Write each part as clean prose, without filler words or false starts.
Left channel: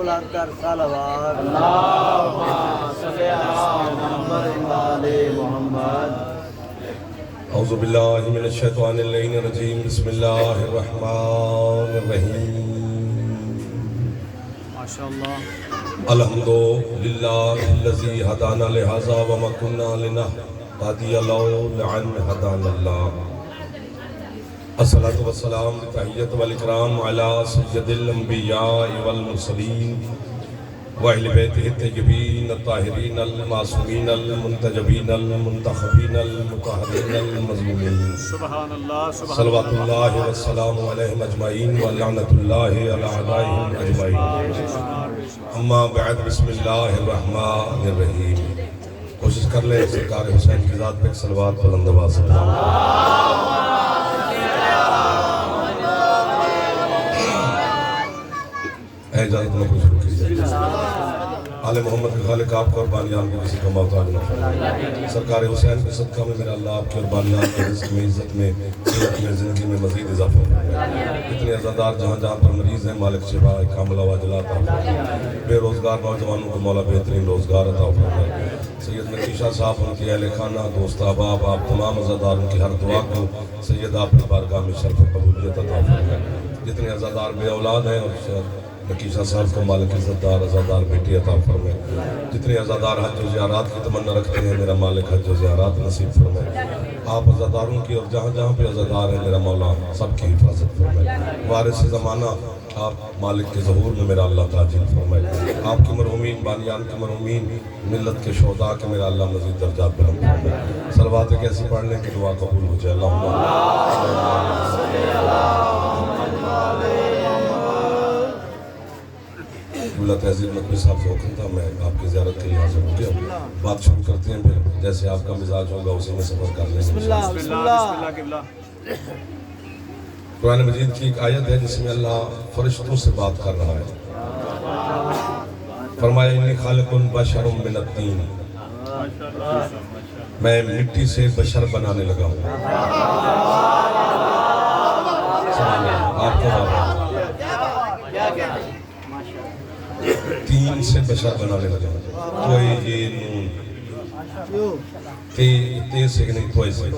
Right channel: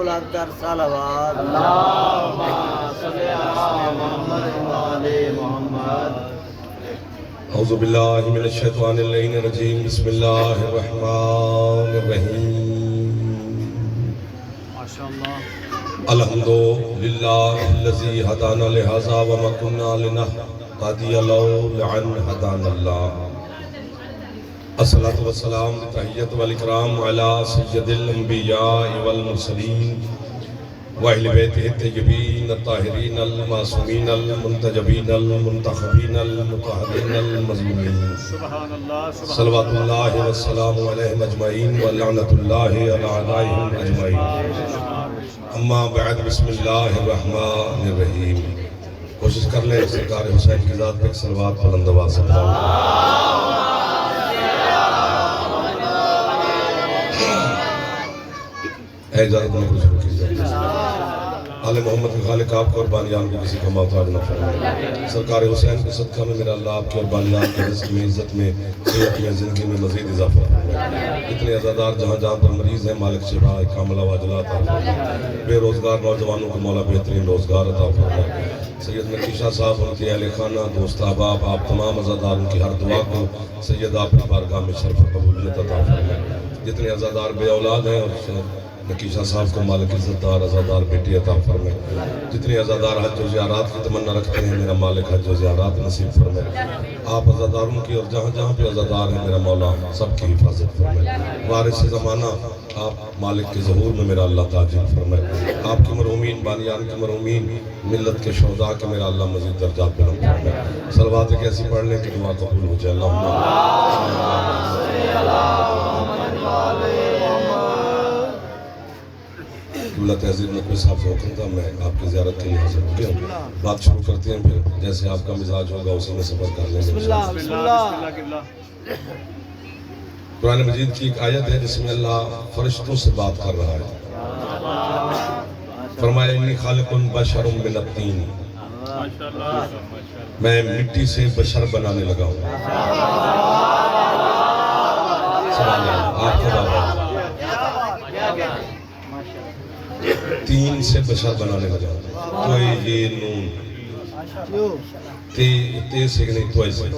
بلند کر صلوات اللهم صل على محمد وعلى محمد اعوذ باللہ من الشیطان اللعین الرجیم بسم اللہ الرحمن الرحیم ماشاءاللہ الحمدللہ الذی ہدانا لہذا وما كنا لنہتدی لولا ان ہدانا اللہ الصلاۃ والسلام تحیت والاکرام علی سید الانبیاء والمرسلین وأهل بيته الطيبين الطاهرين المعصومين المنتجبين المنتخبين المطهرين المظلومين سبحان اللہ صلوات اللہ والسلام علیہم اجمعین ولعنت اللہ علی اعدائهم اجمعین اما بعد بسم اللہ الرحمن الرحیم کوشش کر لیں سرکار حسین کی ذات پہ ایک صلوات بلند آواز سے پڑھیں اے اجازت میں کچھ شروع کیجئے آل محمد کے خالق آپ کو اور بانیان کو کسی کا محتاج نہ فرمائے سرکار حسین کے صدقہ میں میرا اللہ آپ کے اور بانیان کے رزق میں عزت میں صحت میں زندگی میں مزید اضافہ اتنے عزادار جہاں جہاں پر مریض ہیں مالک شفا کامل وعجلات بے روزگار نوجوانوں کو مولا بہترین روزگار عطا فرمائے سید مکی شاہ صاحب ان کے اہل خانہ دوست احباب آپ تمام عزاداروں کی ہر دعا کو سید آپ کی بارگاہ میں شرف و قبولیت عطا فرمائے جتنے عزادار بے اولاد ہیں اور نکیشہ صاحب کو مالک عزت دار عزادار بیٹی عطا فرمائے جتنے عزادار حج و زیارات کی تمنا رکھتے ہیں میرا مالک حج و زیارات نصیب فرمائے آپ عزاداروں کی اور جہاں جہاں پہ عزادار ہیں میرا مولا سب کی حفاظت فرمائے وارث زمانہ آپ مالک کے ظہور میں میرا اللہ تعجیل فرمائے آپ کے مرحومین بانیان کے مرحومین ملت کے شہداء کے میرا اللہ مزید درجات بلند فرمائے صلوات ایک ایسی پڑھ لیں کہ دعا قبول ہو جائے اللہم جملہ تہذیب میں کوئی صاحب سے حکم تھا میں آپ کی زیارت کے لیے حاضر ہو گیا ہوں بات شروع کرتے ہیں پھر جیسے آپ کا مزاج ہوگا اسی میں سفر کر لیں گے بسم اللہ قرآن مجید کی ایک آیت ہے جس میں اللہ فرشتوں سے بات کر رہا ہے فرمایا انی خالق بشر من الطین میں مٹی سے بشر بنانے لگا ہوں آپ کو تین سے بشر بنانے لگا توئی یہ نون تے سے نہیں توئی سے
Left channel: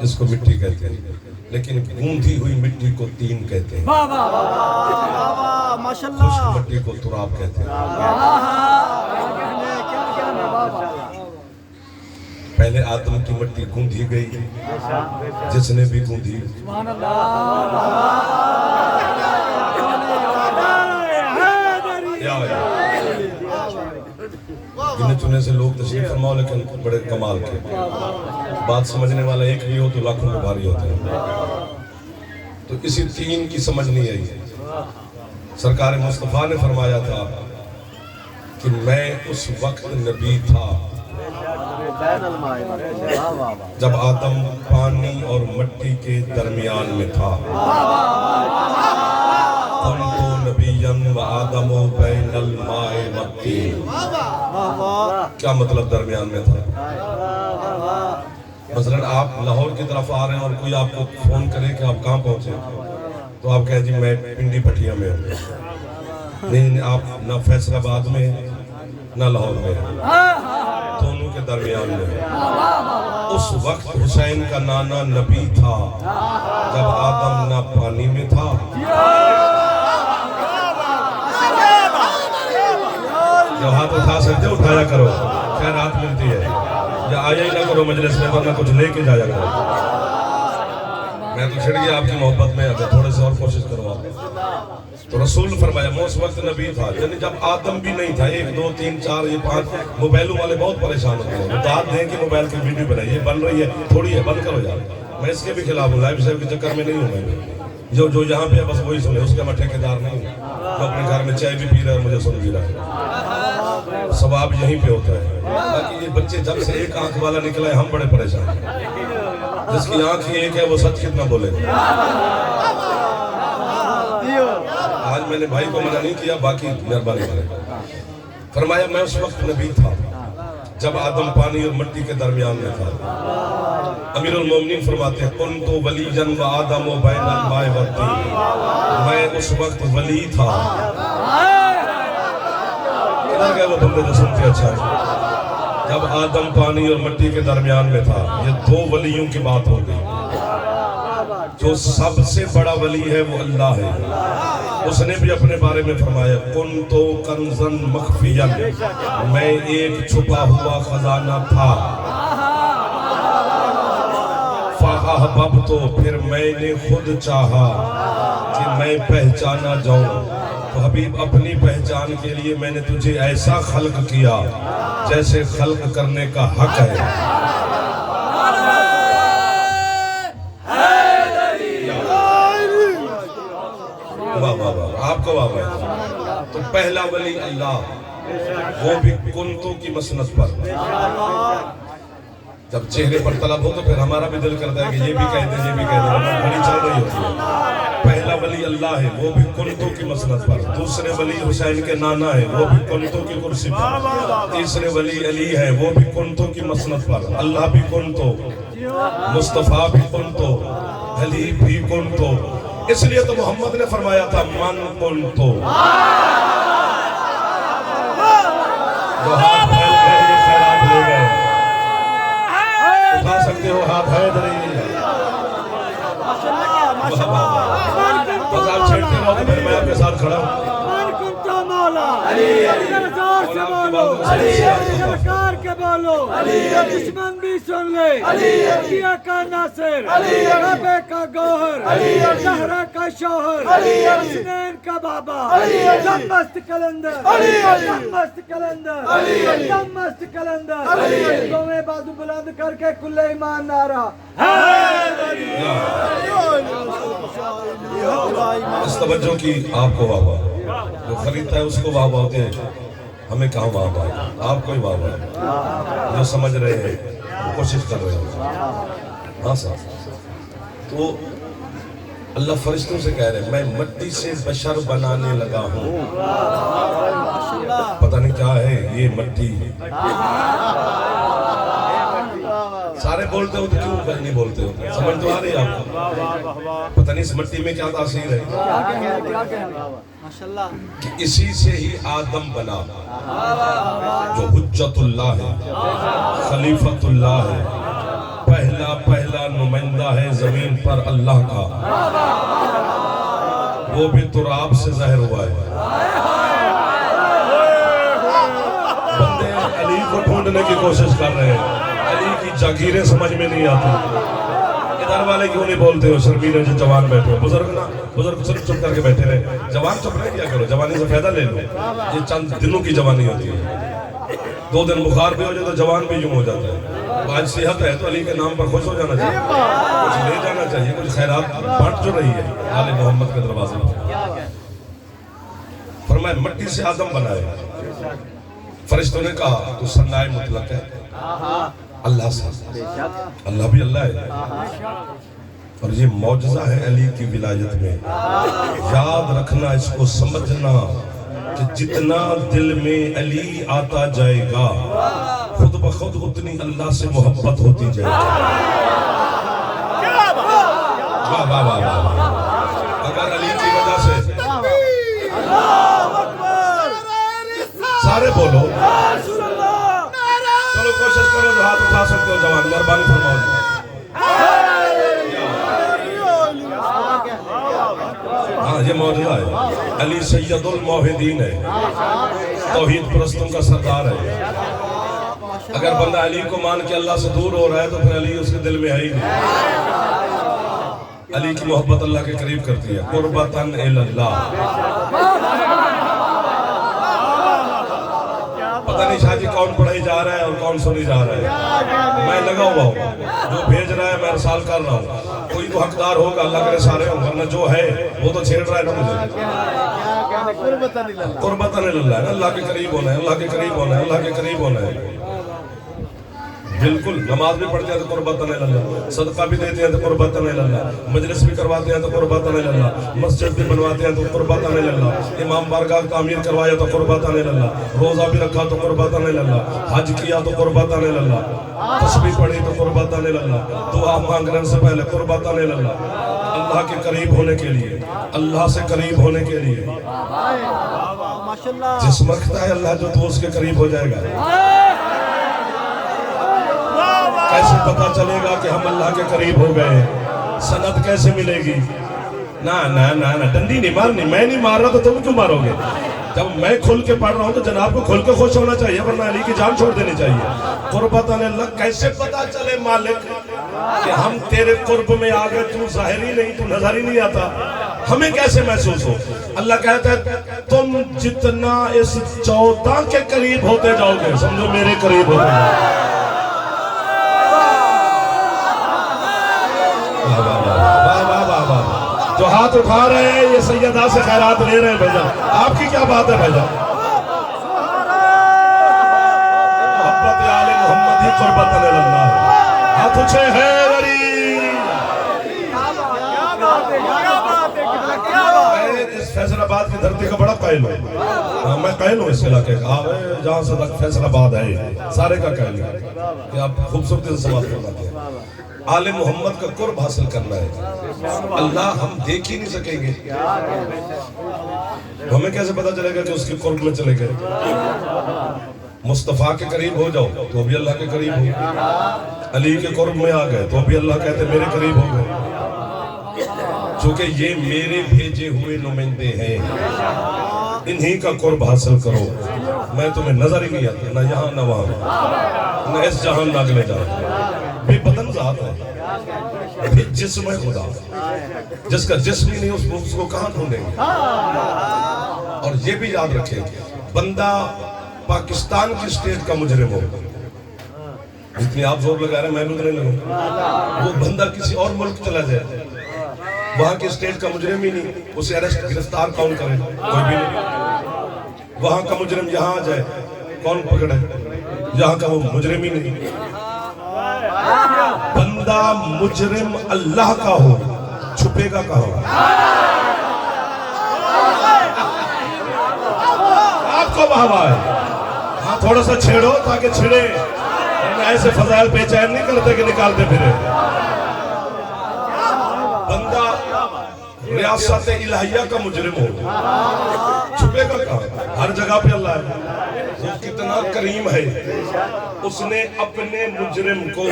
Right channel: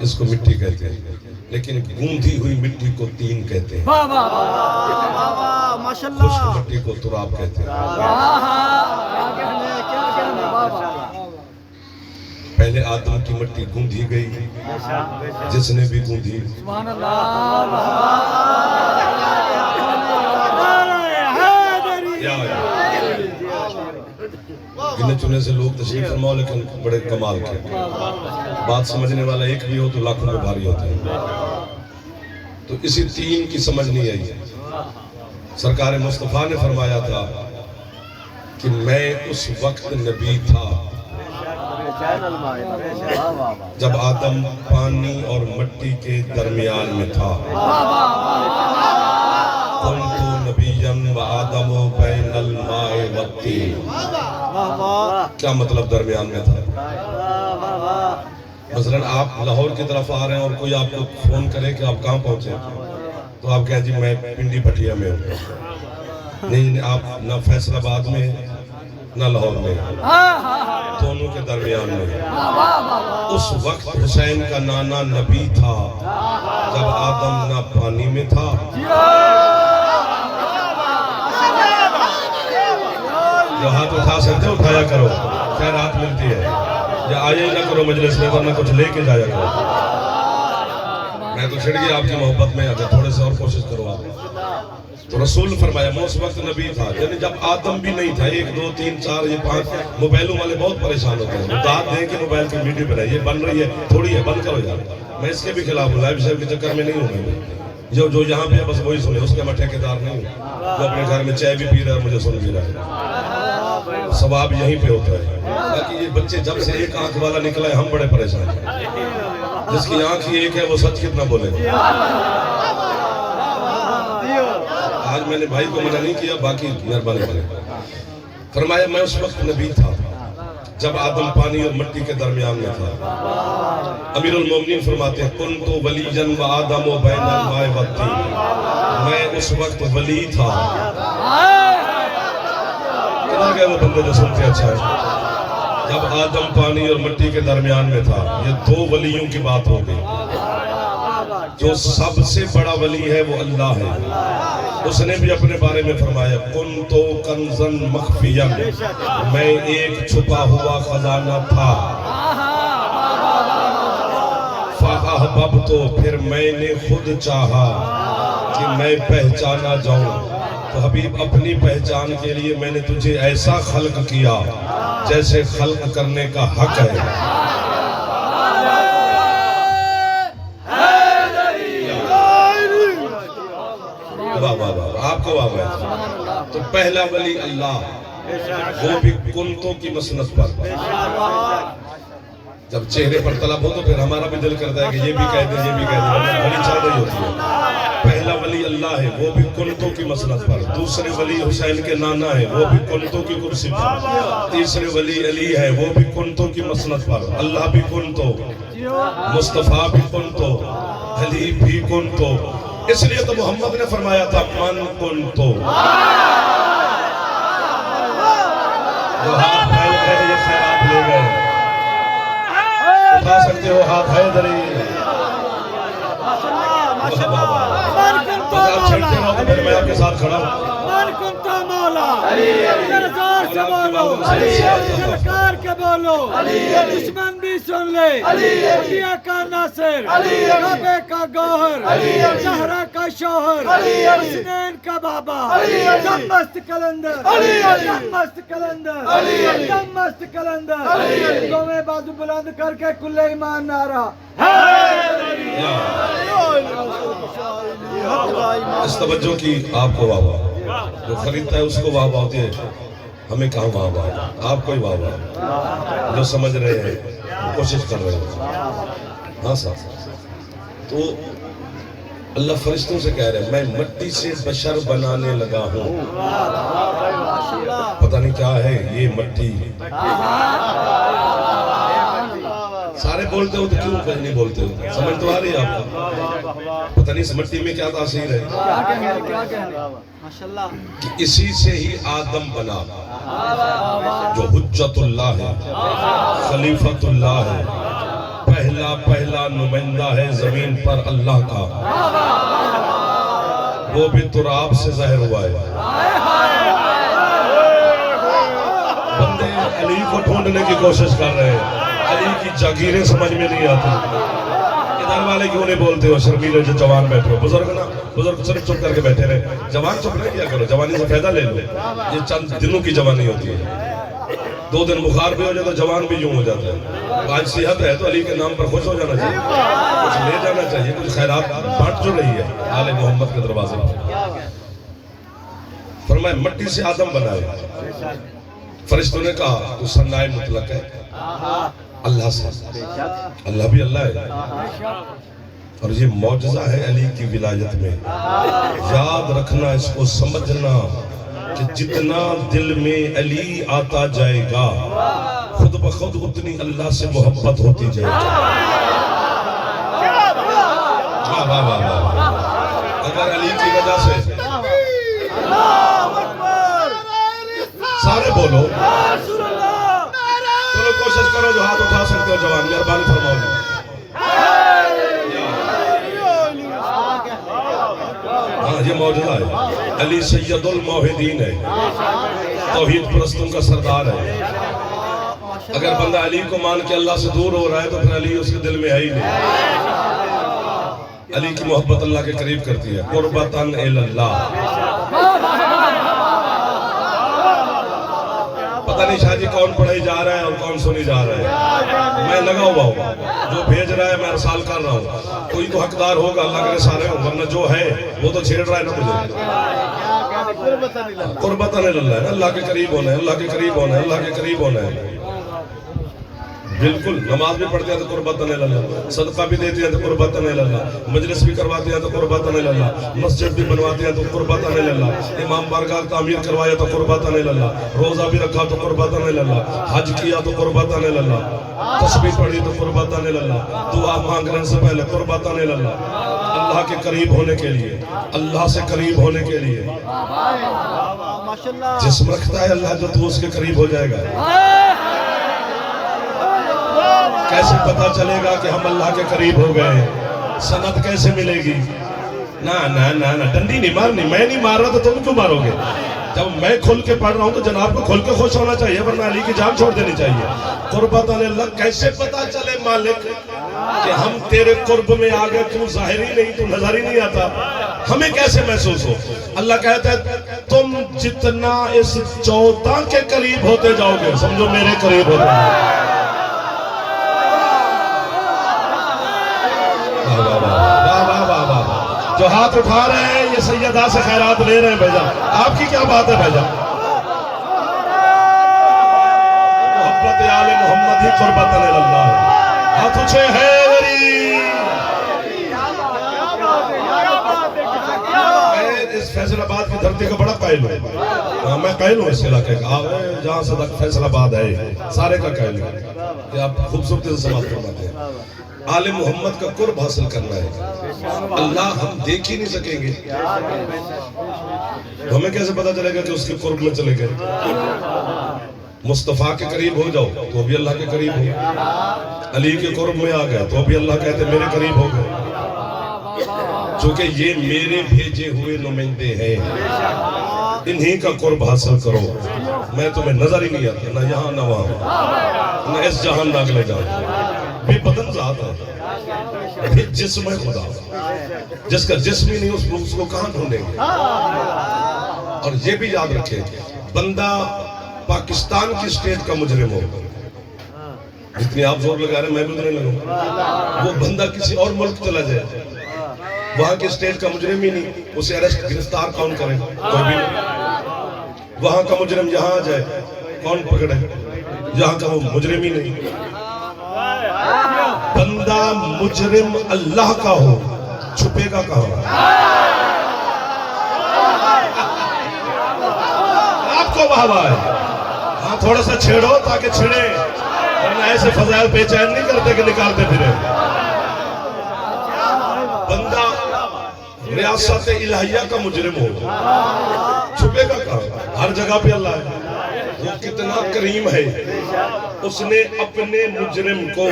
اس کو مٹی کہتے ہیں لیکن گوندھی ہوئی مٹی کو تین کہتے ہیں خشک مٹی کو تراب کہتے ہیں پہلے آدم کی مٹی گوندھی گئی جس نے بھی گوندھی گنے چنے سے لوگ تشریف فرماؤ لیکن بڑے کمال کے بات سمجھنے والا ایک بھی ہو تو لاکھوں میں بھاری ہوتے ہیں تو اسی تین کی سمجھ نہیں آئی سرکار مصطفیٰ نے فرمایا تھا کہ میں اس وقت نبی تھا جب آدم پانی اور مٹی کے درمیان میں تھا کیا مطلب درمیان میں تھا مثلا آپ لاہور کی طرف آ رہے ہیں اور کوئی آپ کو فون کرے کہ آپ کہاں پہنچے تو آپ کہیں جی میں پنڈی بھٹیا میں ہوں نہیں آپ نہ فیصل آباد میں نہ لاہور میں دونوں کے درمیان میں اس وقت حسین کا نانا نبی تھا جب آدم نہ پانی میں تھا جو ہاتھ اٹھا سکتے اٹھایا کرو خیرات ملتی ہے یا آئے نہ کرو مجلس میں ورنہ کچھ لے کے جایا کرو میں تو چھڑ گیا آپ کی محبت میں اگر تھوڑے سے اور کوشش کرو آپ تو رسول فرمایا وہ اس وقت نبی تھا یعنی جب آدم بھی نہیں تھا 1 2 3 4 یہ 5 موبائلوں والے بہت پریشان ہوتے ہیں بتا دیں کہ موبائل کی ویڈیو بنائی یہ بن رہی ہے تھوڑی ہے بند کرو یار میں اس کے بھی خلاف ہوں لائف اسٹائل کے چکر میں نہیں ہوں میں جو یہاں پہ بس وہی سنے اس کے میں ٹھیکیدار نہیں ہوں جو اپنے گھر میں چائے بھی پی رہا ہے اور مجھے سن بھی رہا ہے ثواب یہیں پہ ہوتا ہے باقی یہ بچے جب سے ایک آنکھ والا نکلا ہے ہم بڑے پریشان ہیں جس کی آنکھ ہی ایک ہے وہ سچ کتنا بولے آج میں نے بھائی کو منع نہیں کیا باقی مہربانی کریں فرمایا میں اس وقت نبی تھا جب آدم پانی اور مٹی کے درمیان میں تھا امیر المومنین فرماتے ہیں کنت ولیًا وآدم بین الماء والطین میں اس وقت ولی تھا गए वो बंदे जो सुनते अच्छा है। जब आदम पानी और मिट्टी के दरमियान में था, ये दो वलियों की बात हो गई। जो सबसे बड़ा वली है वो अल्लाह है। उसने भी अपने बारे में फरमाया, कुन्तु कंज़न मख्फियन, मैं एक छुपा हुआ खजाना था। फ़अहबब्तु, फिर मैंने खुद चाहा कि मैं पहचाना जाऊं। तो हबीब, अपनी पहचान के लिए मैंने तुझे ऐसा खल्क किया जैसे खल्क करने का हक है। वाह वाह वाह, आपको वाह वाह। तो पहला वली अल्लाह, वो भी कुंतों की मसनत पर। जब चेहरे पर तलब हो तो फिर हमारा भी दिल करता है कि ये भी कह दे, ये भी कह दे, बड़ी चल रही होती है। पहला वली अल्लाह है, वो भी कुंतों की मसनत पर। दूसरे वली हुसैन के नाना है, वो भी कुंतों की कुर्सी पर। तीसरे वली अली है, वो भी कुंतों की मसनत पर। अल्लाह भी कुंतो, मुस्तफा भी कुंतो, अली भी कुंतो। इसलिए तो मोहम्मद ने फरमाया था, मन कुंतो। जो हाथ फैल गए ये खैरात ले गए, उठा सकते हो हाथ है इधर ही। माशाल्लाह माशाल्लाह। बस आप छेड़ते रहो तो फिर मैं आपके साथ खड़ा हूँ। सरकार के बोलो, दुश्मन भी सुन ले, किया का नासिर, काबे का गौहर, जहरा का शौहर, हुसैन का बाबा, मस्त कलंदर, मस्त कलंदर, मस्त कलंदर। दोनों बाजू बुलंद करके कुल्ले ईमान नारा इस तवज्जो की आपको वाह वाह। जो खरीदता है उसको वाह वाह होती है, हमें कहाँ वाह वाह, आपको ही वाह वाह। जो समझ रहे हैं, कोशिश कर रहे हैं। हाँ साहब, तो अल्लाह फरिश्तों से कह रहे हैं, मैं मिट्टी से बशर बनाने लगा हूँ। पता नहीं क्या है ये मिट्टी। सारे बोलते हो तो क्यों नहीं बोलते हो? समझ तो आ रही है आपको? पता नहीं इस मिट्टी में क्या तासीर है। माशाल्लाह। कि इसी से ही आदम बना, जो हुज्जतुल्लाह है, खलीफतुल्लाह है, पहला नुमाइंदा है जमीन पर अल्लाह का। वो भी तुराब से ज़ाहिर हुआ है। बंदे अली को ढूंढने की कोशिश कर रहे हैं, अली की जागीरें समझ में नहीं आती। इधर वाले क्यों नहीं बोलते हो? शर्मीले जो जवान बैठे हो, बुजुर्ग ना, बुजुर्ग सिर्फ चुप करके बैठे रहे। जवान चुप नहीं किया करो, जवानी से फायदा ले लो। ये चंद दिनों की जवानी होती है। 2 दिन बुखार भी हो जाए तो जवान भी यूं हो जाता है। आज सेहत है तो अली के नाम पर खुश हो जाना चाहिए, कुछ ले जाना चाहिए, कुछ खैरात बांट जो रही है आले मोहम्मद के दरवाजे पर। फरमाया मिट्टी से आदम बनाए। फरिश्तों ने कहा तो सन्नाए मुतलक है अल्लाह से, अल्लाह भी अल्लाह है। और ये मौजज़ा है अली की विलायत में। याद रखना, इसको समझना कि जितना दिल में अली आता जाएगा, खुद ब खुद उतनी अल्लाह से मोहब्बत होती जाएगी। वाह वाह वाह वाह। अगर अली की वजह से, सारे बोलो, चलो कोशिश करो, जो हाथ उठा सकते हो जवान, मेहरबानी फरमाओ। हाँ, ये मौजूदा है। अली सैयदुल मोहिदीन है, तौहीद परस्तों का सरदार है। अगर बंदा अली को मान के अल्लाह से दूर हो रहा है तो फिर अली उसके दिल में है ही नहीं। अली की मोहब्बत अल्लाह के करीब करती है। कुर्बतन इल्लल्लाह। पता नहीं शादी कौन पढ़ाई जा रहा है और कौन सुनी जा रहा है। मैं लगा हुआ हूँ, जो भेज रहा है मैं अरसाल कर रहा हूँ। कोई तो हकदार होगा, अल्लाह करे सारे हो, वरना जो है वो तो छेड़ रहा है ना मुझे। कुर्बतन इल्लल्लाह है, अल्लाह के करीब होना है, अल्लाह के करीब होना है, अल्लाह के करीब होना है। बिल्कुल, नमाज भी पढ़ते हैं तो कुर्बतन इल्लल्लाह, सदका भी देते हैं तो कुर्बतन इल्लल्लाह, मजलिस भी करवाते हैं तो कुर्बतन इल्लल्लाह, मस्जिद भी बनवाते हैं तो कुर्बतन इल्लल्लाह, इमाम बारगाह तामीर करवाया तो कुर्बतन इल्लल्लाह, रोजा भी रखा तो कुर्बतन इल्लल्लाह, हज किया तो कुर्बतन इल्लल्लाह, तस्बीह पढ़ी तो कुर्बतन इल्लल्लाह, दुआ मांगने से पहले कुर्बतन इल्लल्लाह। अल्लाह के करीब होने के लिए, अल्लाह से करीब होने के लिए ماشاءاللہ جسم رکھتا ہے اللہ جو تو اس کے قریب ہو جائے گا. کیسے پتا چلے گا کہ ہم اللہ کے قریب ہو گئے؟ سند کیسے ملے گی؟ نہ ڈنڈی نہیں مارنی. میں نہیں مار رہا تو تم کیوں مارو گے؟ جب میں کھل کے پڑھ رہا ہوں تو جناب کو کھل کے خوش ہونا چاہیے, ورنہ علی کی جان چھوڑ دینی چاہیے. قربت اللہ, کیسے پتا چلے مالک کہ ہم تیرے قرب میں آ گئے؟ تو ظاہر ہی نہیں, تو نظر ہی نہیں آتا, ہمیں کیسے محسوس ہو؟ اللہ کہتا ہے تم جتنا اس 14 کے قریب ہوتے جاؤ گے, سمجھو میرے قریب ہوتے جاؤ. جو ہاتھ اٹھا رہے ہیں یہ سیدہ سے خیرات لے رہے ہیں بھیجا. آپ کی کیا بات ہے بھیجا؟ محبت آل محمد ہی قربت اللہ. ہاتھ اچھے ہے اس فیصل آباد کی دھرتی کا بڑا قائل ہوں. میں قائل ہوں اس علاقے کا. آپ جہاں سے فیصل آباد ہے سارے کا قائل ہوں کہ آپ خوبصورتی سے سوال فرماتے ہیں. آل محمد کا قرب حاصل کرنا ہے. اللہ ہم دیکھ ہی نہیں سکیں گے, ہمیں کیسے پتا چلے گا کہ اس کے قرب میں چلے گئے؟ مصطفیٰ کے قریب ہو جاؤ تو بھی اللہ کے قریب ہو. علی کے قرب میں آ گئے تو بھی اللہ کہتے میرے قریب ہو گئے, چونکہ یہ میرے بھیجے ہوئے نمائندے ہیں. انہی کا قرب حاصل کرو. میں تمہیں نظر ہی نہیں آتا, نہ یہاں نہ وہاں, نہ اس جہان نہ اگلے جہان. بے بدن ذات ہے, بے جسم ہے خدا. جس کا جسم ہی نہیں اس کو کہاں ڈھونڈیں گے؟ اور یہ بھی یاد رکھیں, بندہ پاکستان کی اسٹیٹ کا مجرم ہو, جتنی آپ زور لگا رہے ہیں میں بھی نہیں لگوں. وہ بندہ کسی اور ملک چلا جائے, وہاں کے اسٹیٹ کا مجرم ہی نہیں, اسے اریسٹ گرفتار کون کرے؟ کوئی بھی نہیں. وہاں کا مجرم یہاں آ جائے, کون پکڑے؟ یہاں کا وہ مجرم ہی نہیں. بندہ مجرم اللہ کا ہو, چھپے گا کہاں؟ آپ کو بہوا ہے. ہاں تھوڑا سا چھیڑو تاکہ چھڑے, ورنہ ایسے فضائل بے چین نہیں کرتے کہ نکالتے پھرے. بندہ ریاست الہیہ کا مجرم ہو, چھپے گا کہاں؟ ہر جگہ پہ اللہ ہے. وہ کتنا کریم ہے, اس نے اپنے مجرم کو,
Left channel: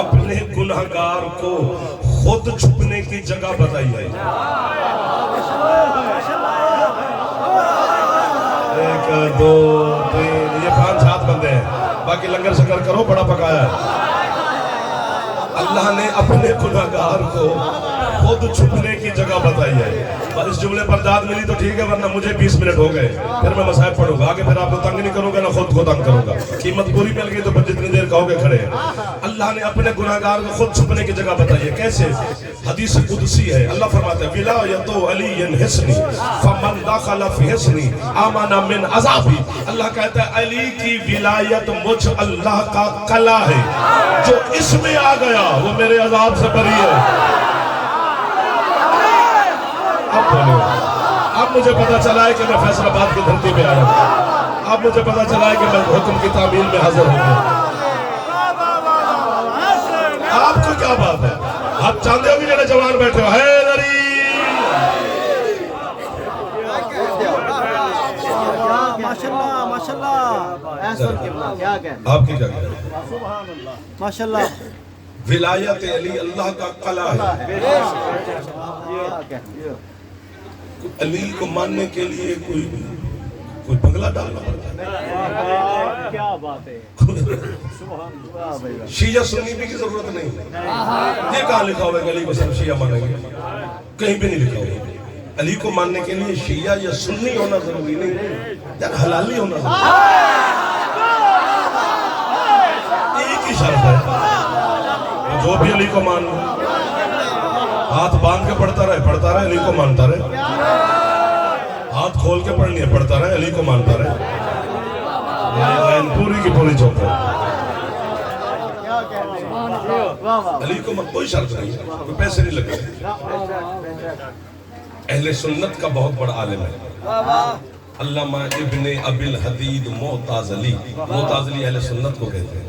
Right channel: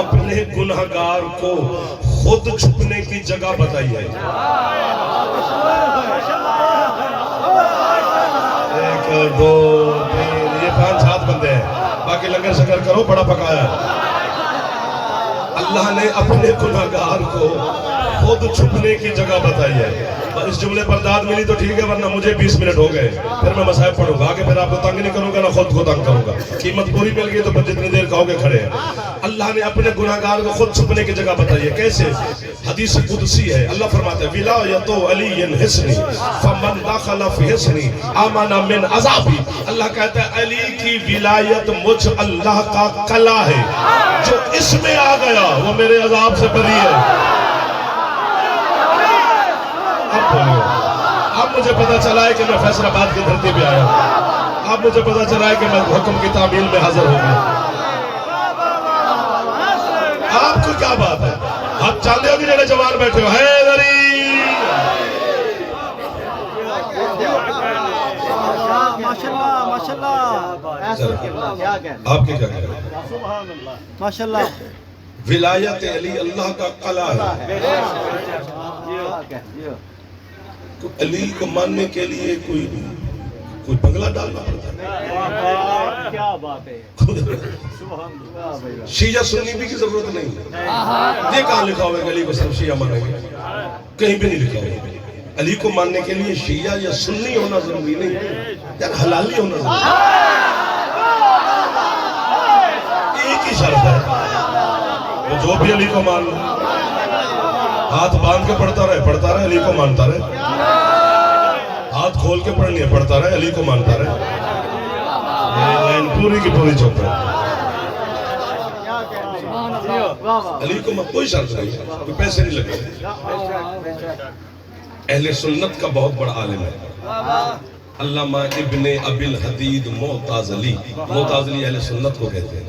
اپنے گناہگار کو خود چھپنے کی جگہ بتائی ہے. 1 2 3 یہ 5 ہاتھ بندے ہیں, باقی لنگر شکر کرو, بڑا پکایا ہے. اللہ نے اپنے گناہگار کو خود چھپنے کی جگہ بتائی ہے. اس جملے پر داد ملی تو ٹھیک ہے, ورنہ مجھے 20 منٹ ہو گئے, پھر میں مصائب پڑھوں گا. آگے پھر آپ کو تنگ نہیں کروں گا, نہ خود کو تنگ کروں گا. قیمت پوری مل گئی تو پھر جتنی دیر کہو گے کھڑے ہیں. اللہ نے اپنے گناہگار کو خود چھپنے کی جگہ بتائی ہے. کیسے؟ حدیث قدسی ہے, اللہ فرماتے ہیں ولایت علی حصنی فمن دخل فی حصنی آمن من عذابی. اللہ کہتا ہے علی کی ولایت مجھ اللہ کا قلعہ ہے, جو اس میں آ گیا وہ میرے عذاب سے بری ہے. اب مجھے پتا چلا ہے کہ میں فیصل آباد کی دھرتی پہ آیا ہوں. اب مجھے پتا چلا ہے کہ میں حکم کی تعمیل میں حاضر ہوں گا. آپ کو کیا بات ہے؟ آپ چاہتے ہو کہ جڑے جوان بیٹھے ہو حیدری, ماشاءاللہ ماشاءاللہ. آپ کی کیا کہتے ہیں؟ ماشاءاللہ. ولایت علی اللہ کا قلعہ ہے. علی کو ماننے کے لیے کوئی بنگلہ ڈالنا پڑتا ہے. کیا بات ہے, شیعہ سنی بھی کی ضرورت نہیں. یہ کہاں لکھا ہوا ہے کہ علی کو سب شیعہ مانیں گے؟ کہیں بھی نہیں لکھا ہوا. علی کو ماننے کے لیے شیعہ یا سنی ہونا ضروری نہیں, یا حلالی ہونا ضروری. ایک ہی شرط ہے, جو بھی علی کو مان لو, ہاتھ باندھ کے پڑھتا رہے علی کو مانتا رہے, ہاتھ کھول کے پڑھ لیا پڑھتا رہے علی کو مانتا رہے. پوری کی پوری چوکا علی کو کوئی شرط نہیں, کوئی پیسے نہیں لگے. اہل سنت کا بہت بڑا عالم ہے علامہ ابن ابی الحدید معتزلی. معتزلی اہل سنت کو کہتے ہیں.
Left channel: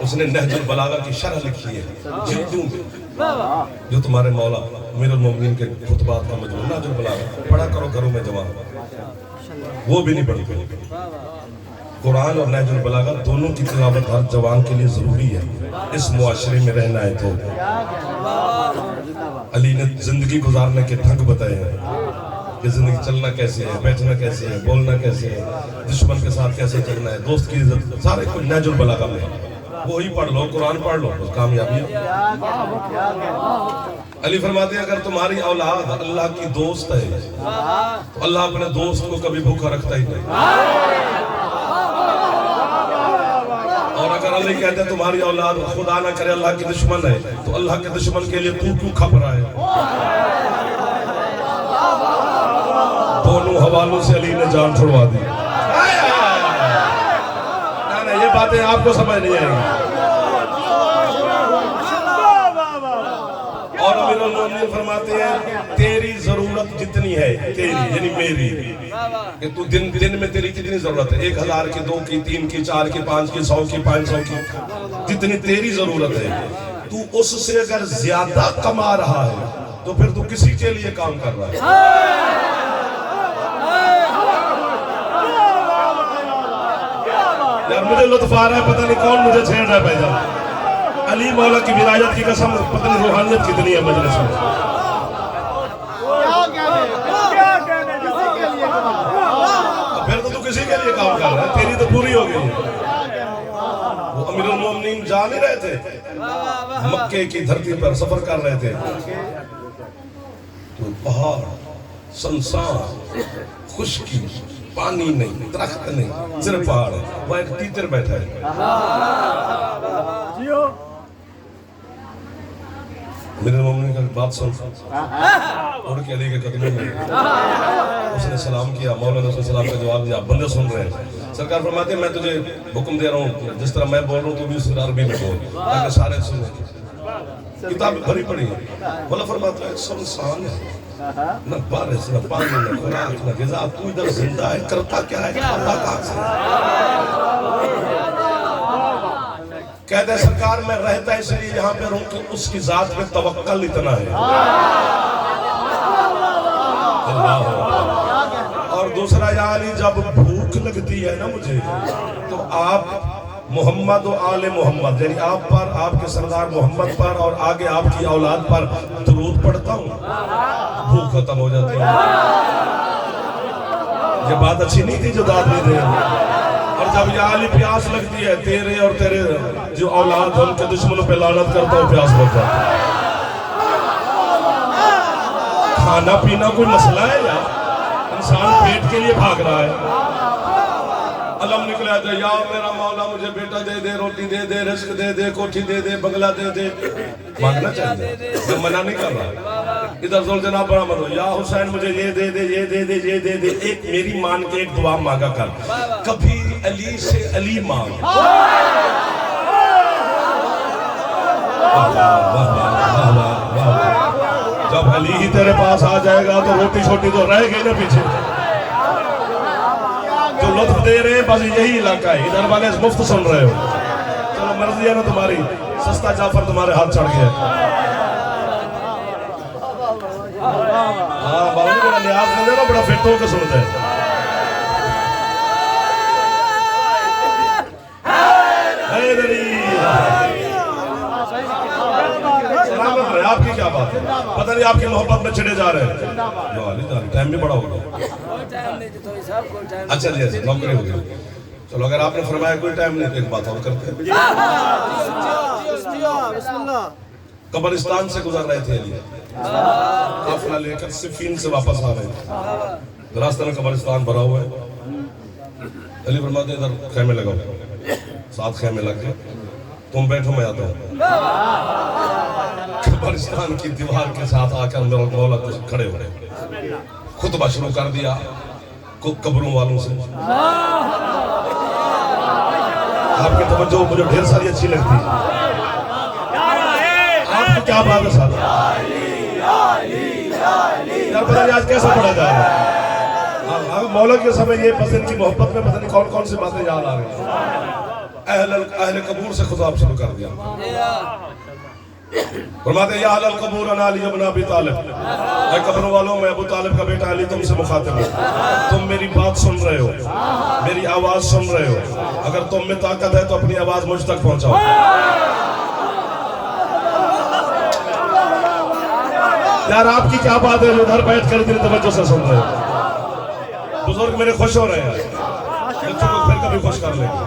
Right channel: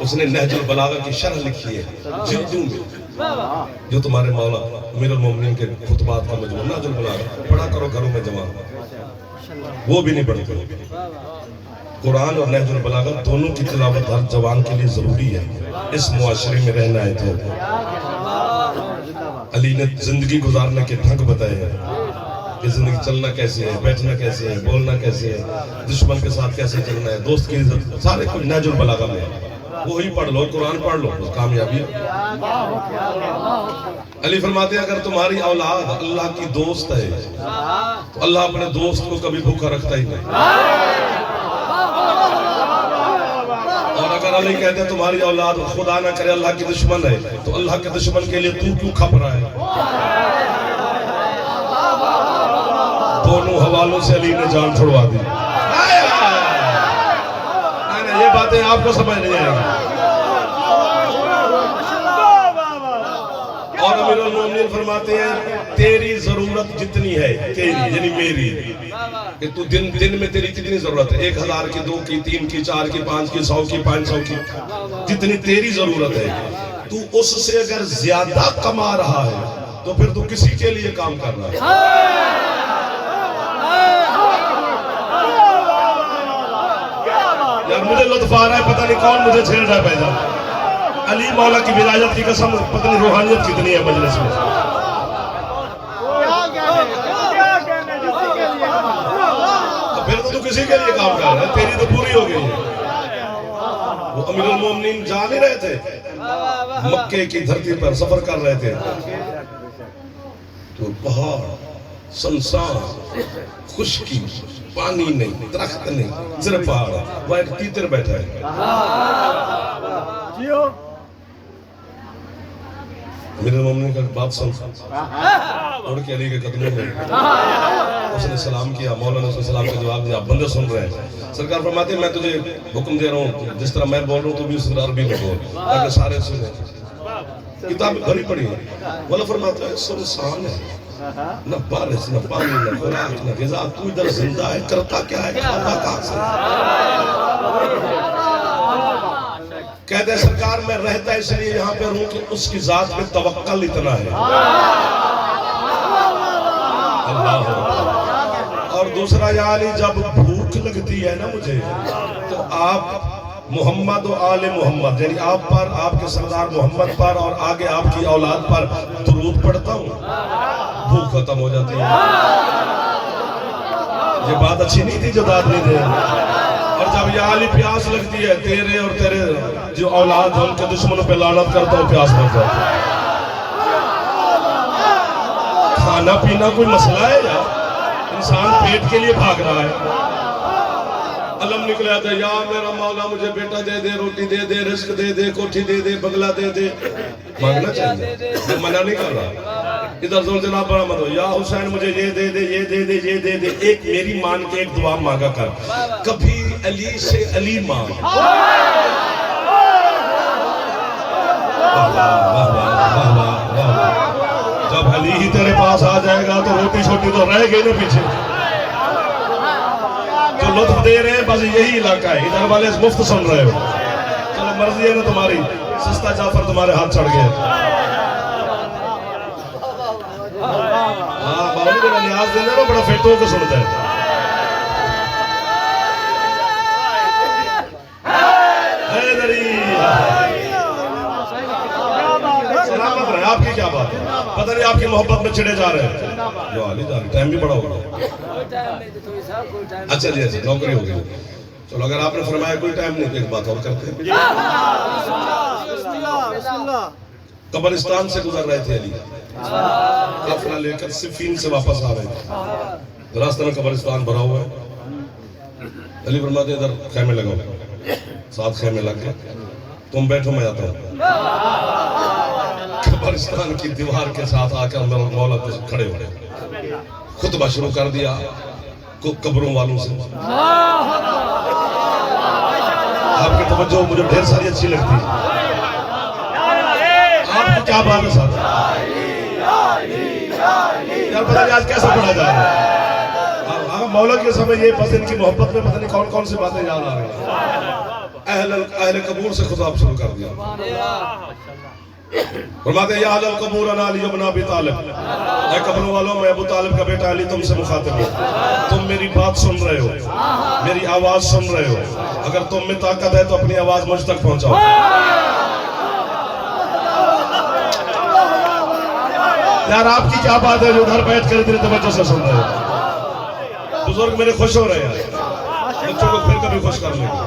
اس نے نہج البلاغہ کی شرح لکھی ہے جلدوں میں. जो तुम्हारे मौला अमीरुल मोमिनीन के खुतबात का मजमूआ नाजुल बलागा पढ़ा करो घरों में जमा, वो भी नहीं पढ़ते। कुरान और नहजुल बलागा दोनों की तिलावत हर जवान के लिए जरूरी है, इस मुआशरे में रहना है तो। अली ने जिंदगी गुजारने के ढंग बताए हैं कि जिंदगी चलना कैसे है, बैठना कैसे है, बोलना कैसे है, दुश्मन के साथ कैसे चलना है, दोस्त की इज्जत, सारे कुछ नहजुल बलागा में। वही पढ़ लो, कुरान पढ़ लो, बस कामयाबी। अली फरमाते हैं अगर तुम्हारी औलाद अल्लाह की दोस्त है तो अल्लाह अपने दोस्त को कभी भूखा रखता ही नहीं। और अगर अली कहते हैं तुम्हारी औलाद खुदा ना करे अल्लाह की दुश्मन है तो अल्लाह के दुश्मन के लिए तू क्यों खप रहा है। दोनों हवालों से अली ने जान छुड़वा दी। ये बातें आपको समझ नहीं आएंगी। और अमीरुल मोमिनीन फरमाते हैं तेरी जरूरत जितनी है तेरी यानी मेरी, कि तू दिन में तेरी कितनी जरूरत है, 1000 की, 2 की, 3 की, 4 की, 5 की, 100 की, 500 की, जितनी तेरी जरूरत है तू उससे अगर ज्यादा कमा रहा है तो फिर तू किसी के लिए काम कर रहा है। यार मुझे लुत्फ आ रहा है, पता नहीं कौन मुझे छेड़ रहा है भाईजान। अली मौला की विलायत की कसम, पता नहीं रूहानियत कितनी है मजलिस में। फिर तो तू किसी के लिए काम कर रहा है, तेरी तो पूरी हो गई है। वो अमीरुल मोमिनीन जा नहीं रहे थे, मक्के की धरती पर सफर कर रहे थे, तो पहाड़ संसार खुशकी, पानी नहीं, दरख्त नहीं, सिर्फ पहाड़ है, वहाँ एक तीतर बैठा है। मेरे मम्मी का बात सुन, उड़ के अली के कदमों में उसने सलाम किया, मौला ने उसको सलाम का जवाब दिया। बंदे सुन रहे हैं, सरकार फरमाते हैं मैं तुझे हुक्म दे रहा हूँ जिस तरह मैं बोल रहा हूँ तू भी उस तरह अरबी में बोल ताकि सारे सुने। किताब भरी पड़ी है, मौला फरमाता है सुनसान है, न बारिश न पानी न खुराक न ग़िज़ा, तू इधर जिंदा है, करता क्या है, खाता कहाँ से। कहते हैं सरकार मैं रहता इसलिए यहाँ पे रहूं कि उसकी जात पे तवक्कल इतना है। अल्लाह। और दूसरा या अली जब भूख लगती है ना मुझे तो आप मोहम्मद और आले मोहम्मद यानी आप पर, आपके सरदार मोहम्मद पर और आगे आपकी औलाद पर दुरूद पढ़ता हूँ, भूख खत्म हो जाती है। ये बात अच्छी नहीं थी जो दाद नहीं दे। और जब या अली प्यास लगती है, तेरे और तेरे जो औलाद है उनके दुश्मनों पे लानत करता हूँ, प्यास बुझ जाती है। खाना पीना कोई मसला है यार, इंसान पेट के लिए भाग रहा है। अलम निकला था या मेरा मौला मुझे बेटा दे दे, रोटी दे दे, रिस्क दे दे, कोठी दे दे, बंगला दे दे, मांगना चाहिए, मैं मना नहीं कर रहा। इधर जोर जनाब बरामद हो, या हुसैन मुझे ये दे दे, ये दे दे, ये दे दे, एक मेरी मान के एक दुआ मांगा कर, कभी अली से अली मांग। जब अली ही तेरे पास आ जाएगा तो रोटी छोटी तो रह गई ना पीछे। जो लुत्फ दे रहे हैं बस यही इलाका है, इधर वाले मुफ्त सुन रहे हो। चलो मर्जी है ना तुम्हारी, सस्ता जाफर तुम्हारे हाथ चढ़ गया। हाँ बाबा जी मेरा न्याज दे देना, बड़ा फिट होकर सुनता है। आपकी क्या बात है, पता नहीं आपकी मोहब्बत में चिढ़े जा रहे हैं। टाइम भी बड़ा हो गया। अच्छा जी, अच्छा नौकरी हो गई। चलो अगर आपने फरमाया कोई टाइम नहीं तो एक बात और करते हैं। कब्रिस्तान से गुजर रहे थे अली, काफिला लेकर सिफीन से वापस आ रहे थे, रास्ते में कब्रिस्तान भरा हुआ है। अली फरमाते इधर खेमे लगाओ, 7 खेमे लग गए, तुम बैठो मैं आता हूँ। कब्रिस्तान की दीवार के साथ आकर मेरा मौला खड़े हो गए, खुतबा शुरू कर दिया कब्रों वालों से। आपकी तवज्जो मुझे ढेर सारी अच्छी लगती है। आपको क्या बात है साहब, यार पता नहीं आज कैसा पढ़ा जा रहा है। मौला के समय ये पसंद की मोहब्बत में पता नहीं कौन कौन सी बातें याद आ रही हैं। अहले कबूर से खुदा शुरू कर दिया। फरमाते या अहल कबूर अना अली इब्न अबी तालिब, ऐ कब्रों वालों मैं अबू तालिब का बेटा अली तुमसे मुखातिब हूँ। तुम मेरी बात सुन रहे हो, मेरी आवाज सुन रहे हो, अगर तुम में ताकत है तो अपनी आवाज मुझ तक पहुंचाओ। यार आपकी क्या बात है जो उधर बैठ कर इतनी तवज्जो से सुन रहे हो? बुजुर्ग मेरे खुश हो रहे हैं, बच्चों को फिर कभी खुश कर लेंगे।